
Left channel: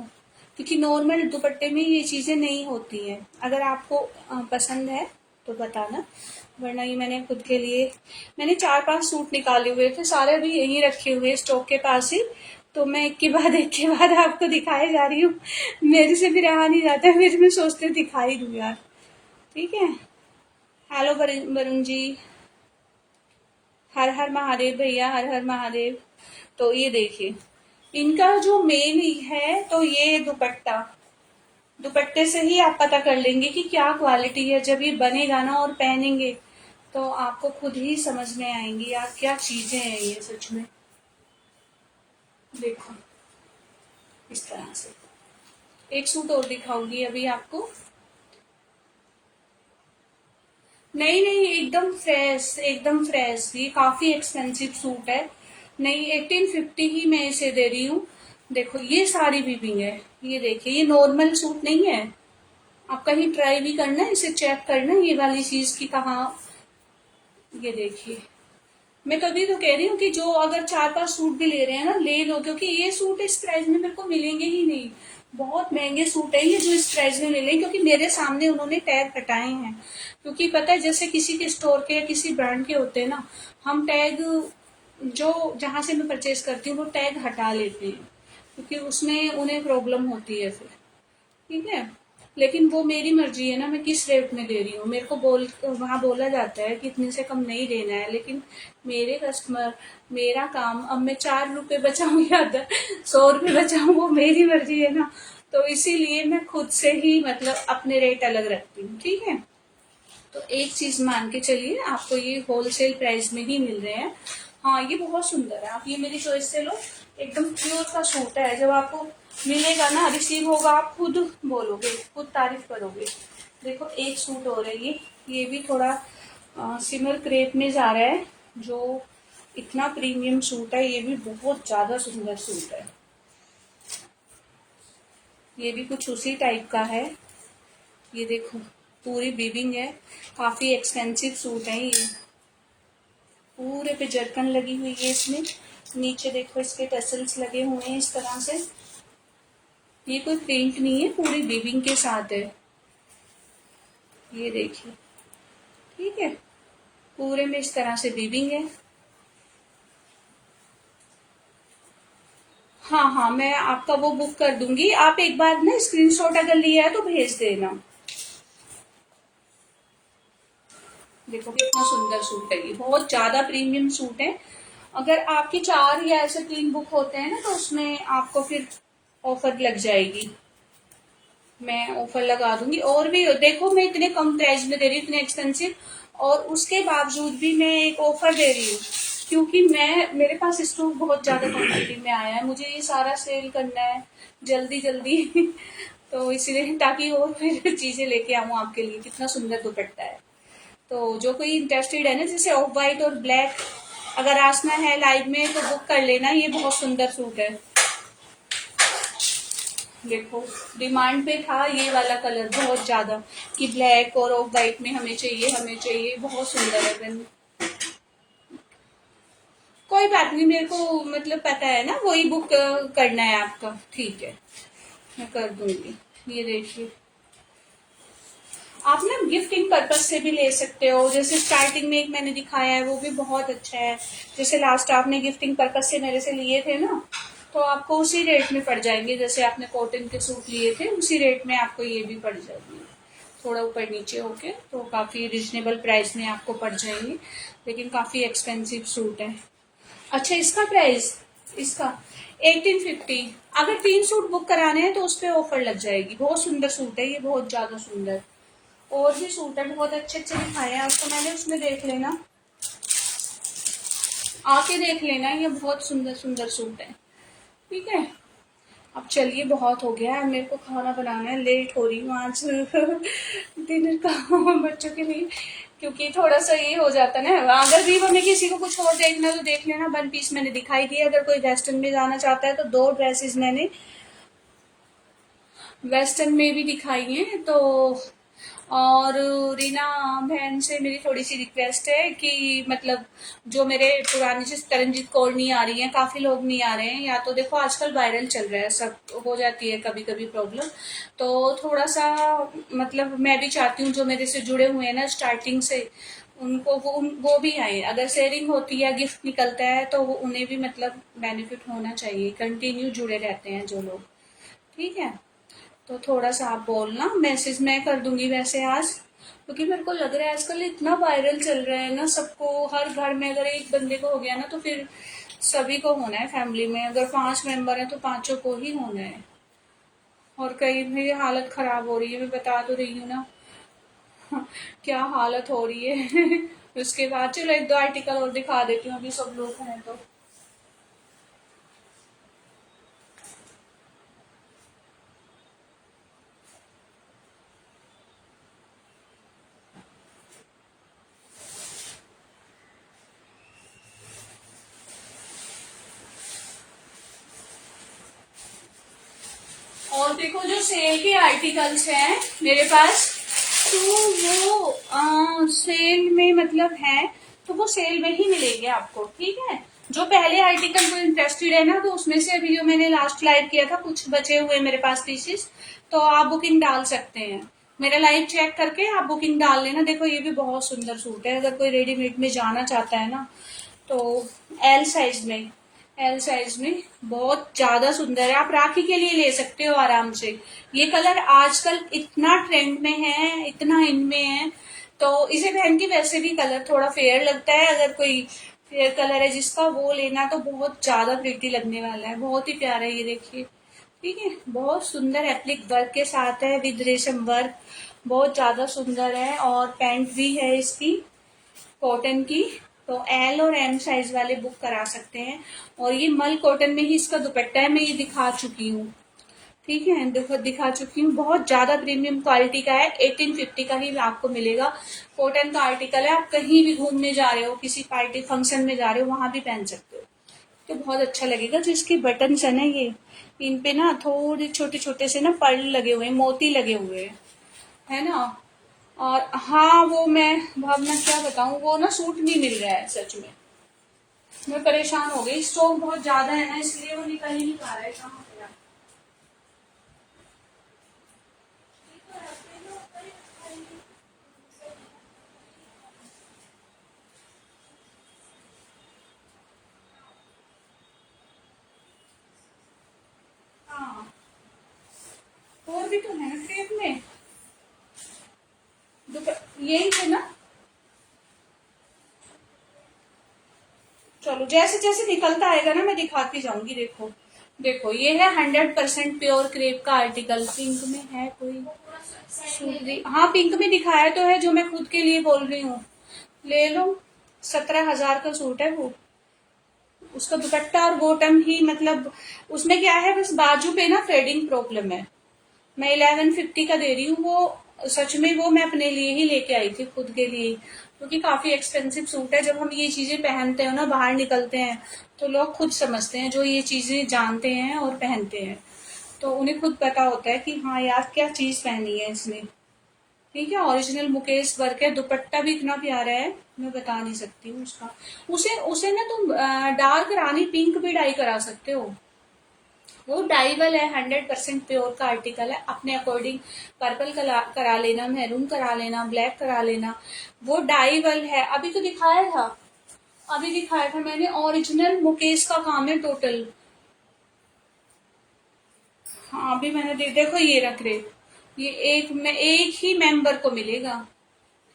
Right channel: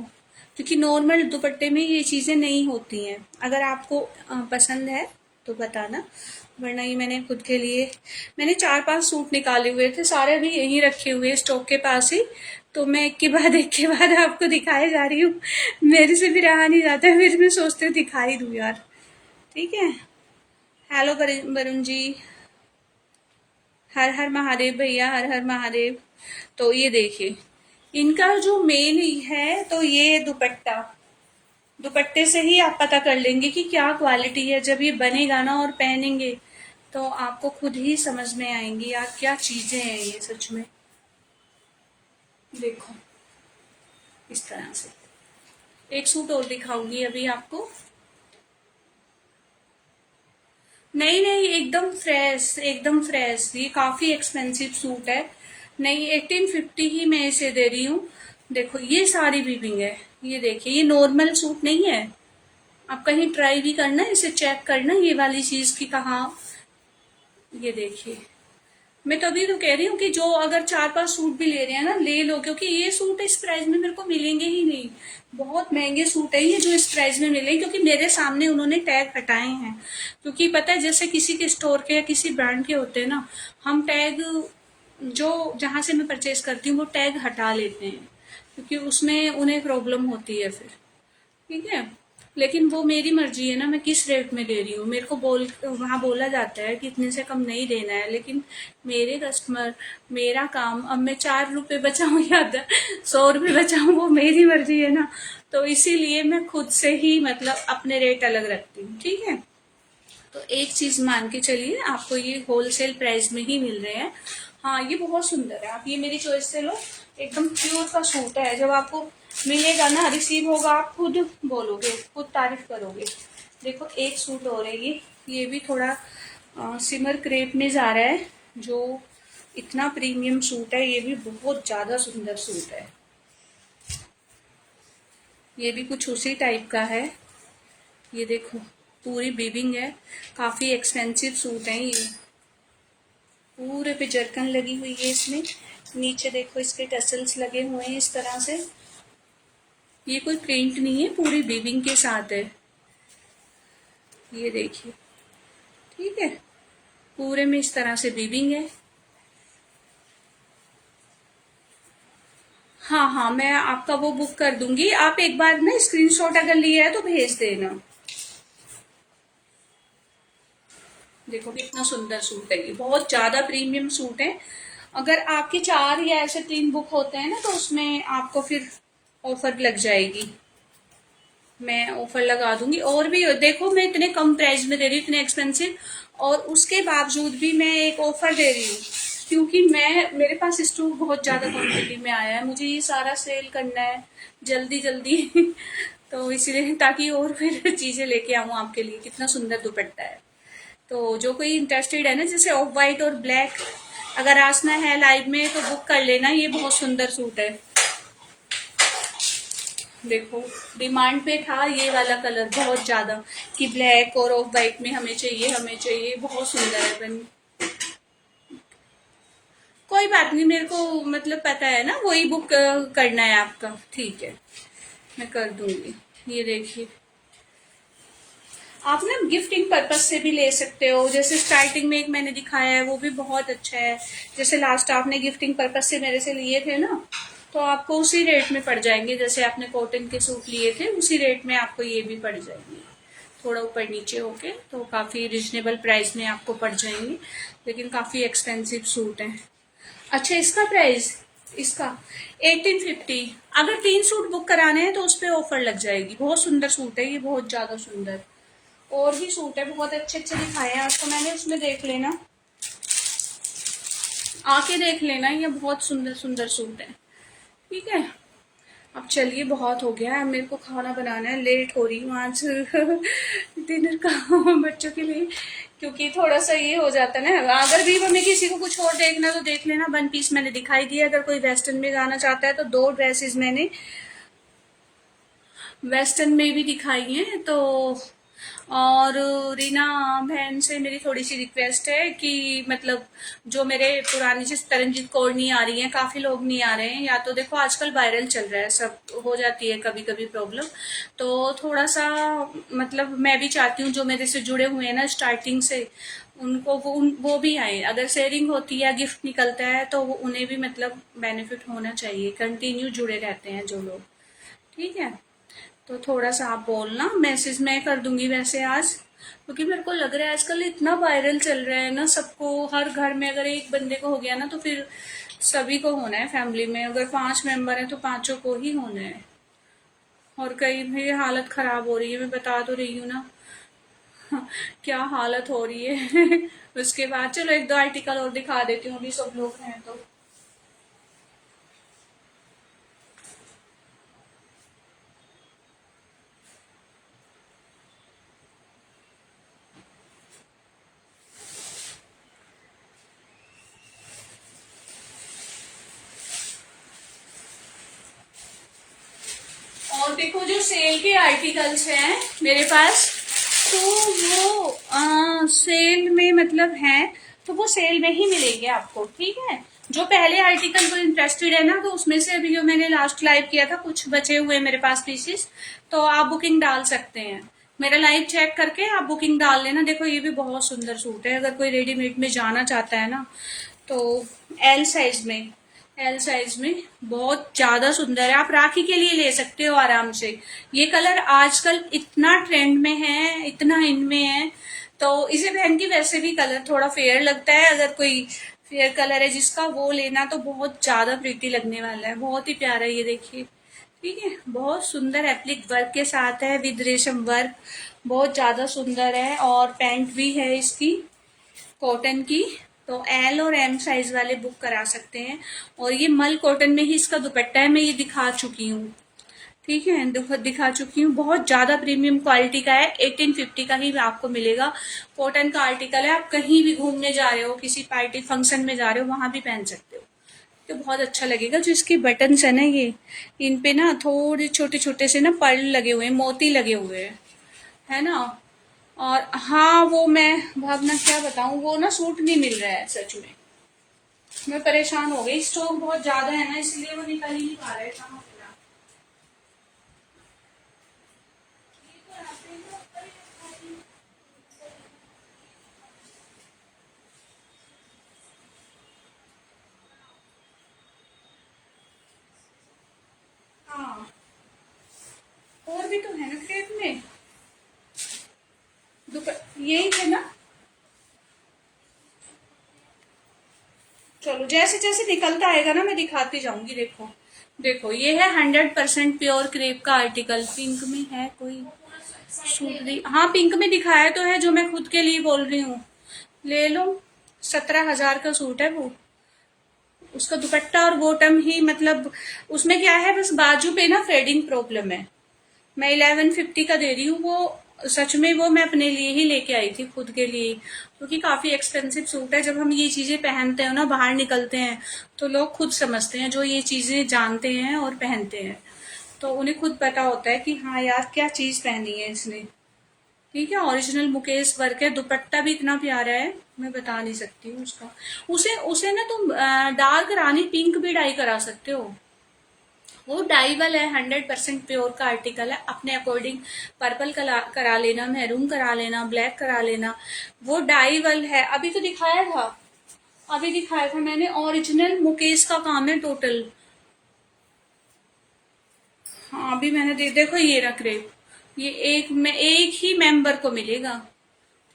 क्योंकि नॉर्मल दुपट्टे में ये चीजें नहीं होती हैं। अगर आपको पसंद है तो बताना, वरना ये मैंने खुद के लिए, मैंने 4-5 सूट निकाले हुए थे, सारे भी यहीं रखे हुए स्टॉक के पास ही। तो मैं एक के बाद आपको दिखाए जा रही हूँ। मेरे से भी रहा नहीं जाता, फिर मैं सोचती हूँ दिखा ही दूँ यार। ठीक है। हेलो वरुण जी, हर हर महादेव भैया, हर हर महादेव। तो ये देखिए, इनका जो मेन है, तो ये दुपट्टा, दुपट्टे से ही आप पता कर लेंगे कि क्या क्वालिटी है। जब ये बनेगा ना और पहनेंगे, तो आपको खुद ही समझ में आएंगी यार, क्या चीजें हैं ये सच में। देखो इस तरह से एक सूट और दिखाऊंगी अभी आपको। नहीं नहीं, एकदम फ्रेश, एकदम फ्रेश। ये काफी एक्सपेंसिव सूट है, नहीं 1850 ही मैं इसे दे रही हूँ। देखो ये सारी बीबिंग है, ये देखिए, ये नॉर्मल सूट नहीं है। आप कहीं ट्राई भी करना, इसे चेक करना ये वाली चीज की कहाँ। ये देखिए, मैं तभी तो कह रही हूँ कि जो अगर 4-5 सूट भी ले रहे हैं ना, ले लो, क्योंकि ये सूट इस प्राइस में मेरे को मिलेंगे ही नहीं। बहुत महंगे सूट है ये जो इस प्राइस में मिले, क्योंकि मेरे सामने उन्होंने टैग हटाए हैं। क्योंकि पता है, जैसे किसी के स्टोर के या किसी ब्रांड के होते हैं ना, हम टैग, जो जहां से मैं परचेज करती हूँ वो टैग हटा लेते हैं, क्योंकि उसमें उन्हें प्रॉब्लम होती है फिर। ठीक है। लेकिन वो मेरी मर्जी है ना, मैं किस रेट में दे रही हूँ। मेरे को वहां बोला जाता है कि इतने से कम नहीं देना है, लेकिन मेरे कस्टमर, मेरा काम, अब मैं 4 रुपए बचाऊं या 100 रुपए बचाऊं, वो मेरी मर्जी है ना। तो इसीलिए मैं खुद से ही मतलब अपने रेट अलग रखती हूँ। ठीक है। तो एक चीज मान के चलिए, आपको ये होलसेल प्राइस में ही मिल रहे हैं। हाँ ये बहुत सुंदर है, आप ये मेरी चॉइस से लो। एकदम प्योर का सूट है, जब आपको मिलेगा ना, रिसीव होगा, आप खुद बोलोगे, खुद तारीफ करोगे। देखो एक सूट और है ये भी थोड़ा सिमर क्रेप में जा रहा है, जो इतना प्रीमियम सूट है। ये भी बहुत ज्यादा सुंदर सूट है, ये भी कुछ उसी टाइप का है। ये देखो पूरी बीबिंग है, काफी एक्सपेंसिव सूट है ये। पूरे पे जरकन लगी हुई है इसमें, नीचे देखो इसके टसल्स लगे हुए हैं इस तरह से। ये कोई प्रिंट नहीं है, पूरी बीबिंग के साथ है। ये देखिए, ठीक है। पूरे में इस तरह से बीविंग है। हाँ हाँ, मैं आपका वो बुक कर दूंगी। आप एक बार ना स्क्रीनशॉट अगर लिया है तो भेज देना। देखो कितना सुंदर सूट है, ये बहुत ज्यादा प्रीमियम सूट है। अगर आपकी 4 या ऐसे 3 बुक होते हैं ना तो उसमें आपको फिर ऑफर लग जाएगी। मैं ऑफर लगा दूंगी। और भी देखो, मैं इतने कम प्राइस में दे रही हूँ, इतने एक्सपेंसिव, और उसके बावजूद भी मैं एक ऑफर दे रही हूँ, क्योंकि मैं मेरे पास स्टॉक बहुत ज्यादा क्वांटिटी में आया है, मुझे ये सारा सेल करना है जल्दी जल्दी तो इसलिए, ताकि और फिर चीजें लेके आऊँ आपके लिए। कितना सुंदर दुपट्टा है। तो जो कोई इंटरेस्टेड है ना, जैसे ऑफ वाइट और ब्लैक अगर आसना है लाइव में तो बुक कर लेना, ये बहुत सुंदर सूट है। देखो डिमांड पे था ये वाला कलर बहुत ज्यादा, कि ब्लैक और ऑफ वाइट में हमें चाहिए हमें चाहिए। बहुत सुंदर है बन। कोई बात नहीं, मेरे को मतलब पता है ना, वही बुक करना है आपका। ठीक है, मैं कर दूंगी। ये देखिए, आप ना गिफ्टिंग पर्पज से भी ले सकते हो। जैसे स्टार्टिंग में एक मैंने दिखाया है, वो भी बहुत अच्छा है। जैसे लास्ट आपने गिफ्टिंग पर्पज से मेरे से लिए थे ना, तो आपको उसी रेट में पड़ जाएंगे। जैसे आपने कॉटन के सूट लिए थे उसी रेट में आपको ये भी पड़ जाएंगे। थोड़ा ऊपर नीचे होके तो काफी रिजनेबल प्राइस में आपको पड़ जाएंगे, लेकिन काफी एक्सपेंसिव सूट है। अच्छा, इसका प्राइस, इसका 1850। अगर 3 सूट बुक कराने हैं तो उस पर ऑफर लग जाएगी। बहुत सुंदर सूट है ये, बहुत ज्यादा सुंदर। और भी सूट है बहुत अच्छे अच्छे दिखाए हैं आपको मैंने, उसमें देख लेना, आके देख लेना। ये बहुत सुंदर सुंदर सूट है। ठीक है, अब चलिए, बहुत हो गया है, मेरे को खाना बनाना है, लेट हो रही हूँ आज डिनर का बच्चों के लिए। क्योंकि थोड़ा सा ये हो जाता है ना, अगर भी हमें किसी को कुछ और देखना तो देख लेना। 1 पीस मैंने दिखाई दिया। अगर कोई वेस्टर्न में जाना चाहता है तो 2 ड्रेसेस मैंने वेस्टर्न में भी दिखाई है। तो और रीना बहन से मेरी थोड़ी सी रिक्वेस्ट है कि मतलब जो मेरे पुरानी जिस तरनजीत कौर नहीं आ रही है, काफी लोग नहीं आ रहे हैं, या तो देखो आजकल वायरल चल रहा है, सब हो जाती है कभी कभी प्रॉब्लम। तो थोड़ा सा मतलब मैं भी चाहती हूँ जो मेरे से जुड़े हुए हैं ना स्टार्टिंग से, उनको वो भी आए। अगर शेयरिंग होती है, गिफ्ट निकलता है, तो उन्हें भी मतलब बेनिफिट होना चाहिए। कंटिन्यू जुड़े रहते हैं जो लोग। ठीक है, तो थोड़ा सा आप बोलना, मैसेज मैं कर दूंगी वैसे आज। क्योंकि मेरे को लग रहा है आजकल इतना वायरल चल रहा है ना, सबको, हर घर में अगर एक बंदे को हो गया ना तो फिर सभी को होना है। फैमिली में अगर 5 मेंबर है तो पांचों को ही होना है। और कहीं भी हालत खराब हो रही है, मैं बता तो रही हूँ ना क्या हालत हो रही है उसके बाद चलो 1-2 आर्टिकल और दिखा देती हूँ, अभी सब लोग हैं तो। और देखो जो सेल के आर्टिकल्स हैं मेरे पास, तो वो सेल में मतलब है, तो वो सेल में ही मिलेंगे आपको। ठीक है, जो पहले आर्टिकल को इंटरेस्टेड है ना, तो उसमें से अभी जो मैंने लास्ट लाइव किया था कुछ बचे हुए मेरे पास पीसेस, तो आप बुकिंग डाल सकते हैं। मेरा लाइव चेक करके आप बुकिंग डाल लेना। देखो ये भी बहुत सुंदर सूट है, अगर कोई रेडीमेड में जाना चाहता है ना तो एल साइज में, एल साइज में बहुत ज्यादा सुंदर है। आप राखी के लिए ले सकते हो आराम से। ये कलर आजकल इतना ट्रेंड में है, इतना इनमें है, तो इसे पहन के वैसे भी कलर थोड़ा फेयर लगता है। अगर कोई फेयर कलर है जिसका, वो लेना तो बहुत ज्यादा प्रिटी लगने वाला है। बहुत ही प्यारा, ये देखिए। ठीक है, बहुत सुंदर एप्लिक वर्क के साथ है, विद रेशम वर्क, बहुत ज्यादा सुंदर है। और पैंट भी है इसकी कॉटन की। तो एल और एम साइज वाले बुक करा सकते हैं। और ये मल कॉटन में ही इसका दुपट्टा है, मैं ये दिखा चुकी हूँ। ठीक है, दिखा चुकी हूँ। बहुत ज्यादा प्रीमियम क्वालिटी का है, 1850 का ही आपको मिलेगा। कॉटन का आर्टिकल है, आप कहीं भी घूमने जा रहे हो, किसी पार्टी फंक्शन में जा रहे हो, वहां भी पहन सकते हो, तो बहुत अच्छा लगेगा। जो इसके बटन्स है ना, ये इन पे ना थोड़े छोटे छोटे से ना पर्ल लगे हुए हैं, मोती लगे हुए हैं, है ना। और हाँ, वो मैं अब मैं क्या बताऊं, वो ना सूट नहीं मिल रहा है सच में। मैं परेशान हो गई, स्टॉक बहुत ज्यादा है ना, इसलिए वो निकल ही नहीं पा रहा है। कहाँ गया? भी तो है ना क्रेप में, यही थे ना। चलो जैसे जैसे निकलता आएगा ना मैं दिखाती जाऊंगी। देखो देखो ये है 100% प्योर क्रेप का आर्टिकल। पिंक में है कोई सूट भी, हाँ पिंक में दिखाया तो है, जो मैं खुद के लिए बोल रही हूँ। ले लो, 17,000 का सूट है वो। उसका दुपट्टा और बॉटम ही, मतलब उसमें क्या है, बस बाजू पे ना फेडिंग प्रॉब्लम है। मैं 1150 का दे रही हूँ वो। सच में वो मैं अपने लिए ही लेके आई थी, खुद के लिए, क्योंकि काफी एक्सपेंसिव सूट है। जब हम ये चीजें पहनते हैं ना, बाहर निकलते हैं, तो लोग खुद समझते हैं, जो ये चीजें जानते हैं और पहनते हैं, तो उन्हें खुद पता होता है कि हाँ यार क्या चीज पहनी है इसने। ठीक है, ओरिजिनल मुकेश वर्क है। दुपट्टा भी इतना प्यारा है, मैं बता नहीं सकती हूँ उसका। उसे उसे ना तुम डार्क रानी पिंक भी डाई करा सकते हो। वो डाइबल है, 100% प्योर का आर्टिकल है। अपने अकॉर्डिंग पर्पल करा लेना, मैरून करा लेना, ब्लैक करा लेना, वो डाइबल है। अभी तो दिखाया था, अभी दिखाया था मैंने, ओरिजिनल मुकेश का काम है टोटल। हाँ अभी मैंने देखो ये रख रहे, ये एक ही मेंबर को मिलेगा।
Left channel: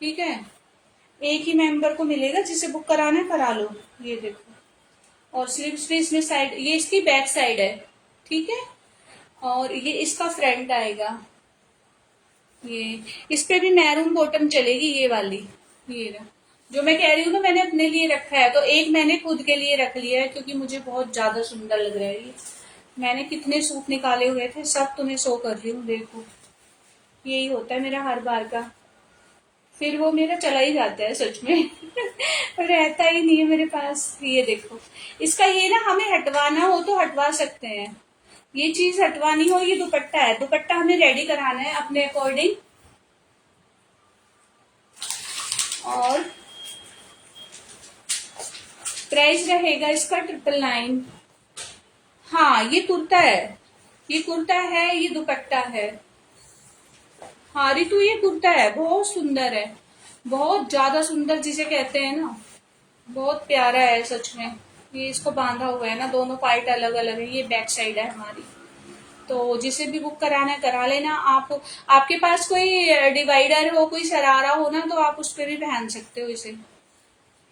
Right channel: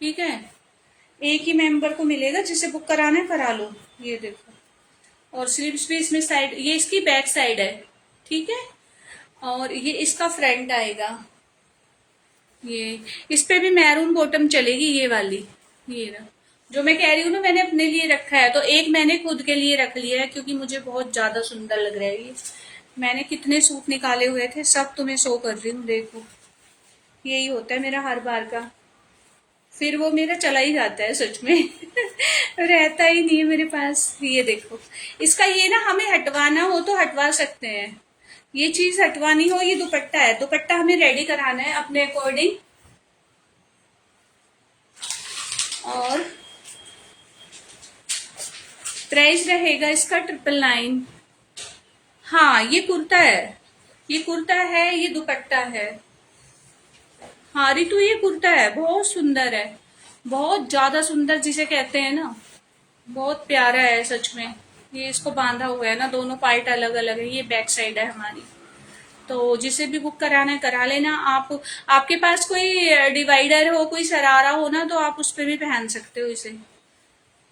ठीक है, एक ही मेंबर को मिलेगा, जिसे बुक कराना है करा लो। ये देखो, और स्लीव्स भी इसमें साइड, ये इसकी बैक साइड है। ठीक है, और ये इसका फ्रंट आएगा। ये इस पे भी मैरून बॉटम चलेगी, ये वाली। ये रहा, जो मैं कह रही हूँ ना, मैंने अपने लिए रखा है, तो एक मैंने खुद के लिए रख लिया है, क्योंकि मुझे बहुत ज्यादा सुंदर लग रहा है ये। मैंने कितने सूट निकाले हुए थे, सब तुम्हें शो कर रही हूँ। देखो यही होता है मेरा हर बार का, फिर वो मेरा चला ही जाता है सच में। रहता ही नहीं है मेरे पास। ये देखो, इसका ये ना, हमें हटवाना हो तो हटवा सकते हैं, ये चीज हटवानी हो। ये दुपट्टा है, दुपट्टा हमें रेडी कराना है अपने अकॉर्डिंग। और प्राइस रहेगा इसका 999। हाँ ये कुर्ता है, ये कुर्ता है, ये दुपट्टा है। हाँ रितु ये कुर्ता है, बहुत सुंदर है, बहुत ज्यादा सुंदर जिसे कहते हैं ना, बहुत प्यारा है सच में। ये इसको बांधा हुआ है ना, दोनों पार्ट अलग अलग है। ये बैक साइड है हमारी। तो जिसे भी बुक कराना है करा लेना आप। आपके पास कोई डिवाइडर हो, कोई सरारा हो ना, तो आप उस पर भी पहन सकते हो इसे,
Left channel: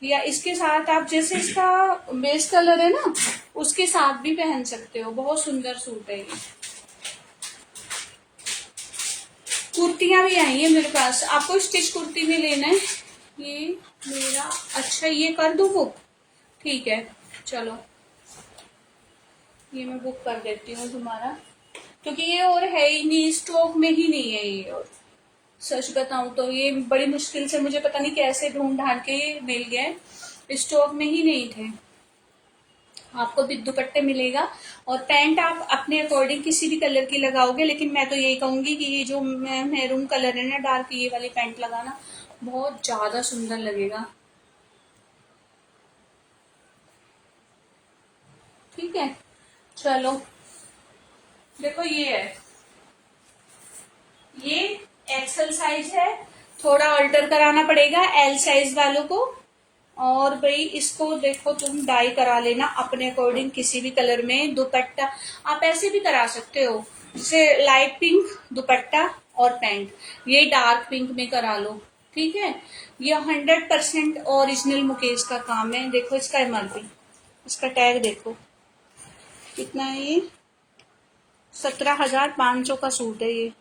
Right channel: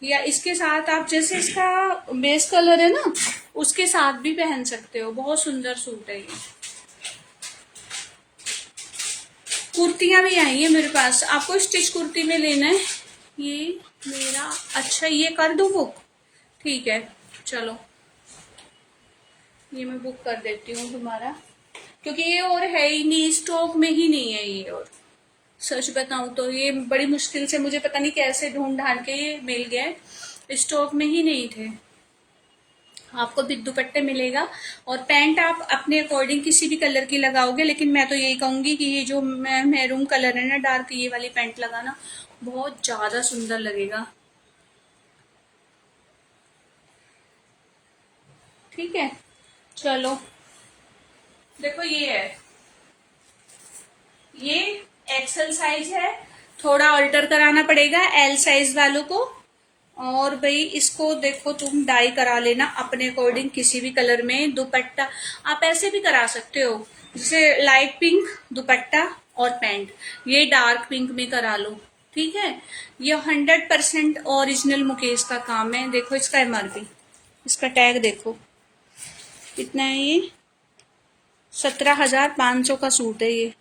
या इसके साथ आप, जैसे इसका बेस कलर है ना, उसके साथ भी पहन सकते हो। बहुत सुंदर सूट है ये। कुर्तियां भी आई है मेरे पास, आपको स्टिच कुर्ती में लेना है ये मेरा। अच्छा ये कर दूं बुक, ठीक है चलो, ये मैं बुक कर देती हूँ तुम्हारा, क्योंकि ये और है ही नहीं, स्टॉक में ही नहीं है ये। और सच बताऊं तो ये बड़ी मुश्किल से, मुझे पता नहीं कैसे ढूंढ ढांड के ये मिल गए, स्टॉक में ही नहीं थे। आपको भी दुपट्टे मिलेगा, और पैंट आप अपने अकॉर्डिंग किसी भी कलर की लगाओगे, लेकिन मैं तो यही कहूंगी कि ये जो मैरून कलर है ना डार्क, ये वाली पैंट लगाना, बहुत ज्यादा सुंदर लगेगा। ठीक है चलो, देखो ये है, ये एक्सल साइज है, थोड़ा अल्टर कराना पड़ेगा एल साइज वालों को। और भाई इसको देखो तुम डाई करा लेना अपने अकॉर्डिंग किसी भी कलर में। दुपट्टा आप ऐसे भी करा सकते हो, जैसे लाइट पिंक दुपट्टा और पैंट, ये डार्क पिंक में करा लो। ठीक है, ये 100% ओरिजिनल मुकेश का काम है। देखो इसका एमआरपी, इसका टैग देखो कितना है, ये 17,500 का सूट है ये,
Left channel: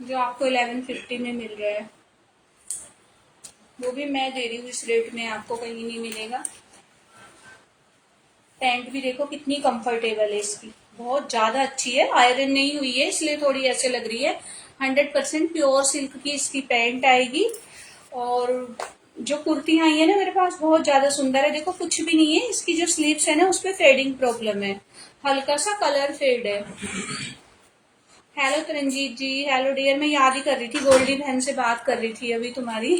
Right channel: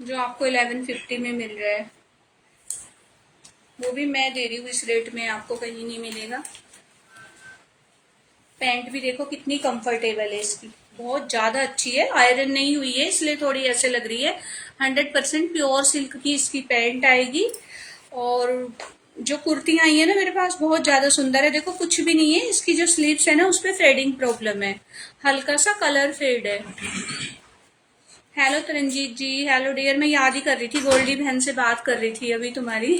जो आपको 1150 में मिल रहा है। वो भी मैं दे रही हूँ इस रेट में, आपको कहीं नहीं मिलेगा। पैंट भी देखो कितनी कंफर्टेबल है इसकी, बहुत ज्यादा अच्छी है, आयरन नहीं हुई है इसलिए थोड़ी ऐसे लग रही है। 100% प्योर सिल्क की इसकी पैंट आएगी। और जो कुर्तियां आई है ना मेरे पास, बहुत ज्यादा सुंदर है। देखो कुछ भी नहीं है, इसकी जो स्लीव्स है ना उस पर फेडिंग प्रॉब्लम है, हल्का सा कलर फेड है। हेलो तरनजीत जी, हेलो डियर, मैं याद ही कर रही थी, गोल्डी बहन से बात कर रही थी अभी तुम्हारी।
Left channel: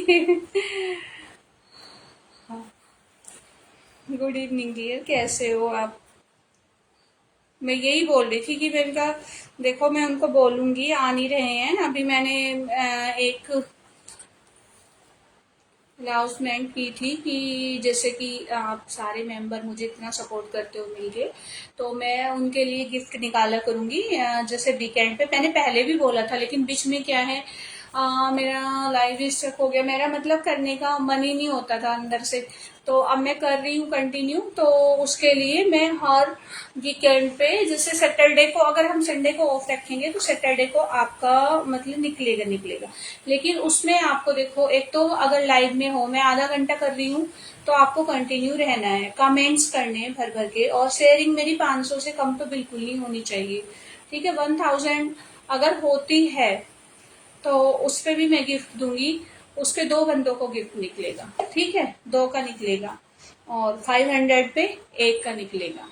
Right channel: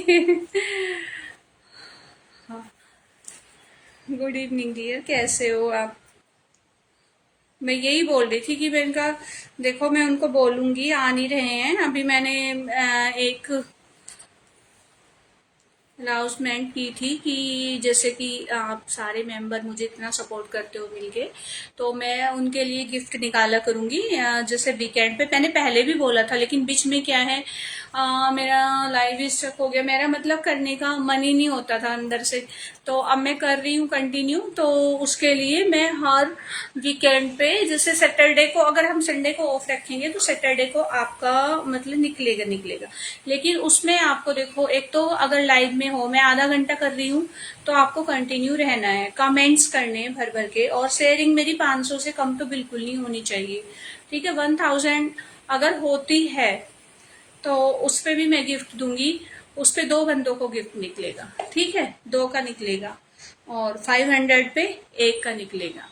गुड इवनिंग डियर, कैसे हो आप? मैं यही बोल रही थी कि मैं इनका, देखो मैं उनको बोलूंगी, आ नहीं रहे हैं अभी। मैंने एक अनाउंसमेंट की थी कि जैसे कि आप सारे मेंबर मुझे इतना सपोर्ट करते हो मिलके, तो मैं उनके लिए गिफ्ट निकाला करूंगी। जैसे वीकेंड पे मैंने पहले भी बोला था, लेकिन बीच में क्या है, मेरा लाइव स्टक हो गया, मेरा मतलब करने का मन ही नहीं होता था अंदर से। तो अब मैं कर रही हूँ कंटिन्यू, तो उसके लिए मैं हर वीकेंड पे, जैसे सैटरडे को अगर हम संडे को ऑफ रखेंगे तो सैटरडे को आपका मतलब निकलेगा निकलेगा। लेकिन उसमें आपको देखो, एक तो अगर लाइव में हो, मैं आधा घंटा कर रही हूँ, तो आपको कंटिन्यू रहना है, कमेंट्स करने हैं भर भर के, और शेयरिंग मेरी 500 से कम तो बिल्कुल नहीं होनी चाहिए। ठीक है, 1000 अगर होती है तो उस पे भी मैं गिफ्ट दूंगी। उस पे 2 बंदों को गिफ्ट निकलेगा, ठीक है, 2 का निकलेगा, और 500 पे 1 का निकलेगा।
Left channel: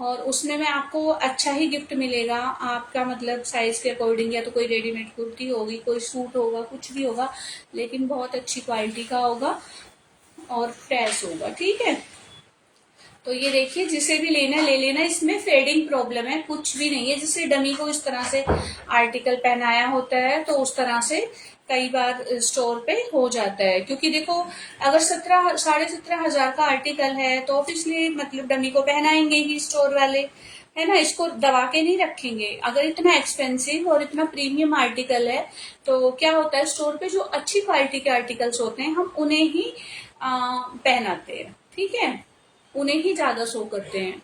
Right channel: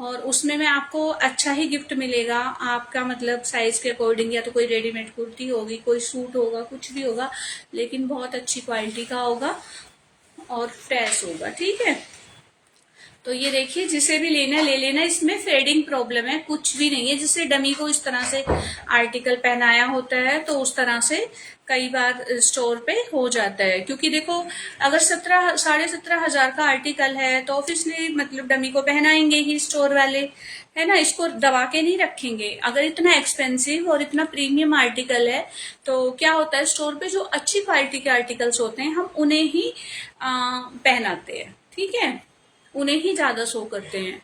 और उसमें में आपको अच्छा ही गिफ्ट मिलेगा, आपका मतलब साइज के अकॉर्डिंग, या तो कोई रेडीमेड कुर्ती होगी, कोई सूट होगा, कुछ भी होगा, लेकिन बहुत अच्छी क्वालिटी का होगा और फ्रेश होगा, ठीक है। तो ये देखिए, जिसे भी लेना है ले लेना, इसमें फेडिंग प्रॉब्लम है, कुछ भी नहीं है। जैसे डमी को इस तरह से आर्टिकल पहनाया होता है, तो उस तरह से कई बार स्टोर पे हो जाता है, क्योंकि देखो अगर 17,500 का आर्टिकल है तो ऑब्वियसली मतलब डमी को पहनाएंगे ही स्टोर वाले, है ना, इसको दबा के नहीं रखेंगे। अगर इतना एक्सपेंसिव और इतना प्रीमियम आर्टिकल है, तो क्या होता है, स्टोर पे जो अच्छी क्वालिटी के आर्टिकल्स होते हैं हम उन्हें ही पहनाते हैं, ठीक है, उन्हें ही ज्यादा शो करते हैं।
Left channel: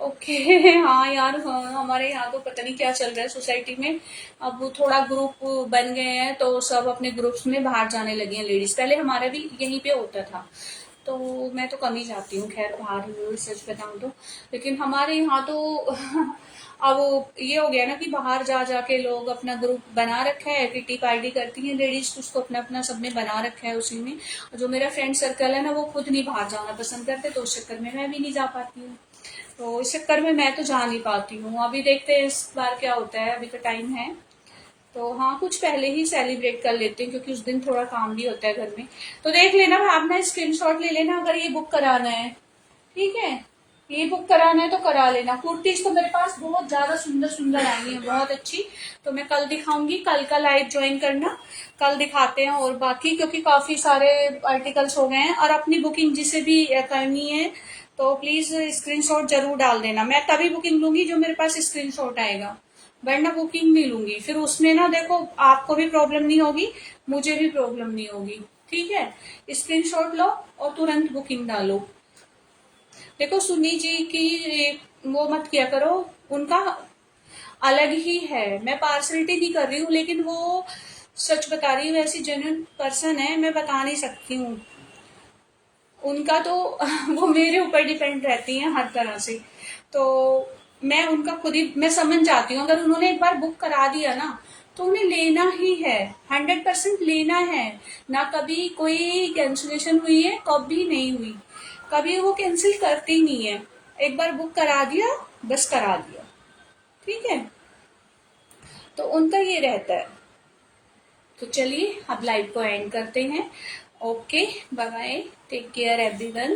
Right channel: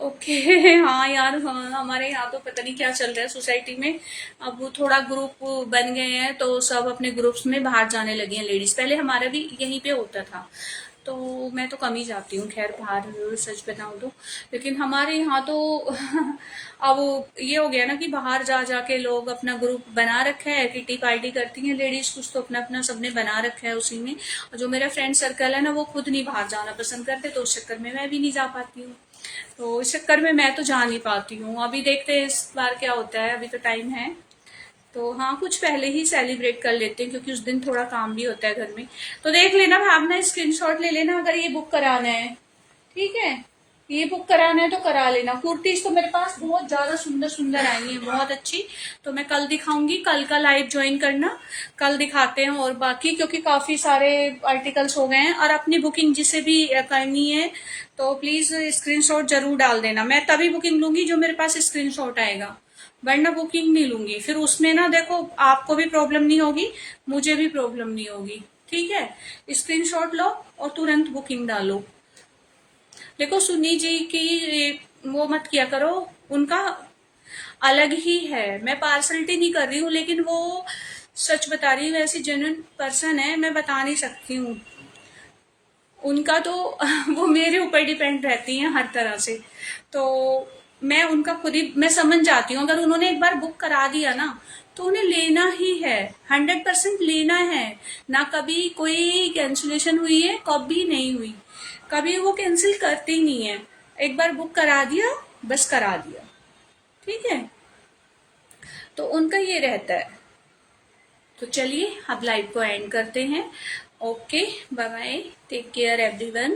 ओके हाँ यार, हाँ, हमारे यहाँ तो पता नहीं क्या चल रहा है सोसाइटी में। अब वो थोड़ा ग्रुप बन गए हैं, तो सब अपने ग्रुप्स में बाहर जाने लगे हैं लेडीज। पहले हमारा भी यहीं पे होता था, तो मैं तो कम ही जाती हूँ खैर बाहर, सच बताऊं तो। लेकिन हमारे यहाँ तो अब ये हो गया ना कि बाहर जा जाके लोग अपना ग्रुप बना रखा है, किटी पार्टी करती हैं लेडीज, कुछ तो अपना अपना सबने बना रखा है उसी में। और जो मेरा फ्रेंड सर्कल है ना, वो खुद नहीं बाहर जाना पसंद करते, तो उस चक्कर में मैं भी नहीं जा पाती हूँ। तो इस चक्कर में मैं तो जा नहीं पाती हूँ। अभी देखते हैं इस बार क्या होता है, अभी तो टाइम है। तो हाँ, कुछ पहले ही सेलिब्रेट कर लेते हैं, क्योंकि उस दिन थोड़ा काम भी होता है घर में। तो देख लेना, भावना स्क्रीनशॉट ले लेना अगर ये बुक कराना है, ठीक है। ये बुक कराना है तो करा लेना। कुर्तीज तो मेरे पास बहुत ज्यादा सुंदर सुंदर आई है, बहुत अच्छी। तो मैं कल दिखाऊंगी, कल का लाइव ज्वाइन करना, कल दिखाते हैं। और बाकी क्योंकि काफी सारे आर्टिकल्स हो गए हैं, और अपनी बुकिंग जिसे भी करनी है तो प्लीज स्क्रीनशॉट जरूर डाल देना। मैं तभी बुकिंग लूंगी जो मेरे पास स्क्रीनशॉट आएगा, वरना बुकिंग नहीं लूंगी। फिर उसमें ना देखो, आपको भी प्रॉब्लम नहीं होगी, मुझे भी प्रॉब्लम नहीं होगी, ठीक है। स्क्रीनशॉट लो और तुरंत बुकिंग डालो। देखो सुन्नी जी की वो मत किया करो, उनका अलग ही है। मैं पार्सलिटी नहीं कर रही हूँ, लेकिन वो सच बता रही हूँ, ऐसी जेन्युइन पर्सन है, मैं बता नहीं सकती हूँ। उनका तो वो मेरे ऊपर डिपेंड रहती हैं हर तरह से। तो मैं उनका खुद ही मैं समझ जाती हूँ, अगर उन्होंने एक बार बुक करा दिया ना, तो उन्हें लेना ही है, 100% लेना है। ना कभी कोई कैंसिलेशन हुई है, कभी नहीं हुई, कभी वो कैंसिल करती नहीं है। एक बार बुक करा दिया, बस करा दिया, ठीक है। तो उनका ये रहता है। तो चलिए अब लाइव को एंड करते हैं। Okay, bye bye, take care everyone.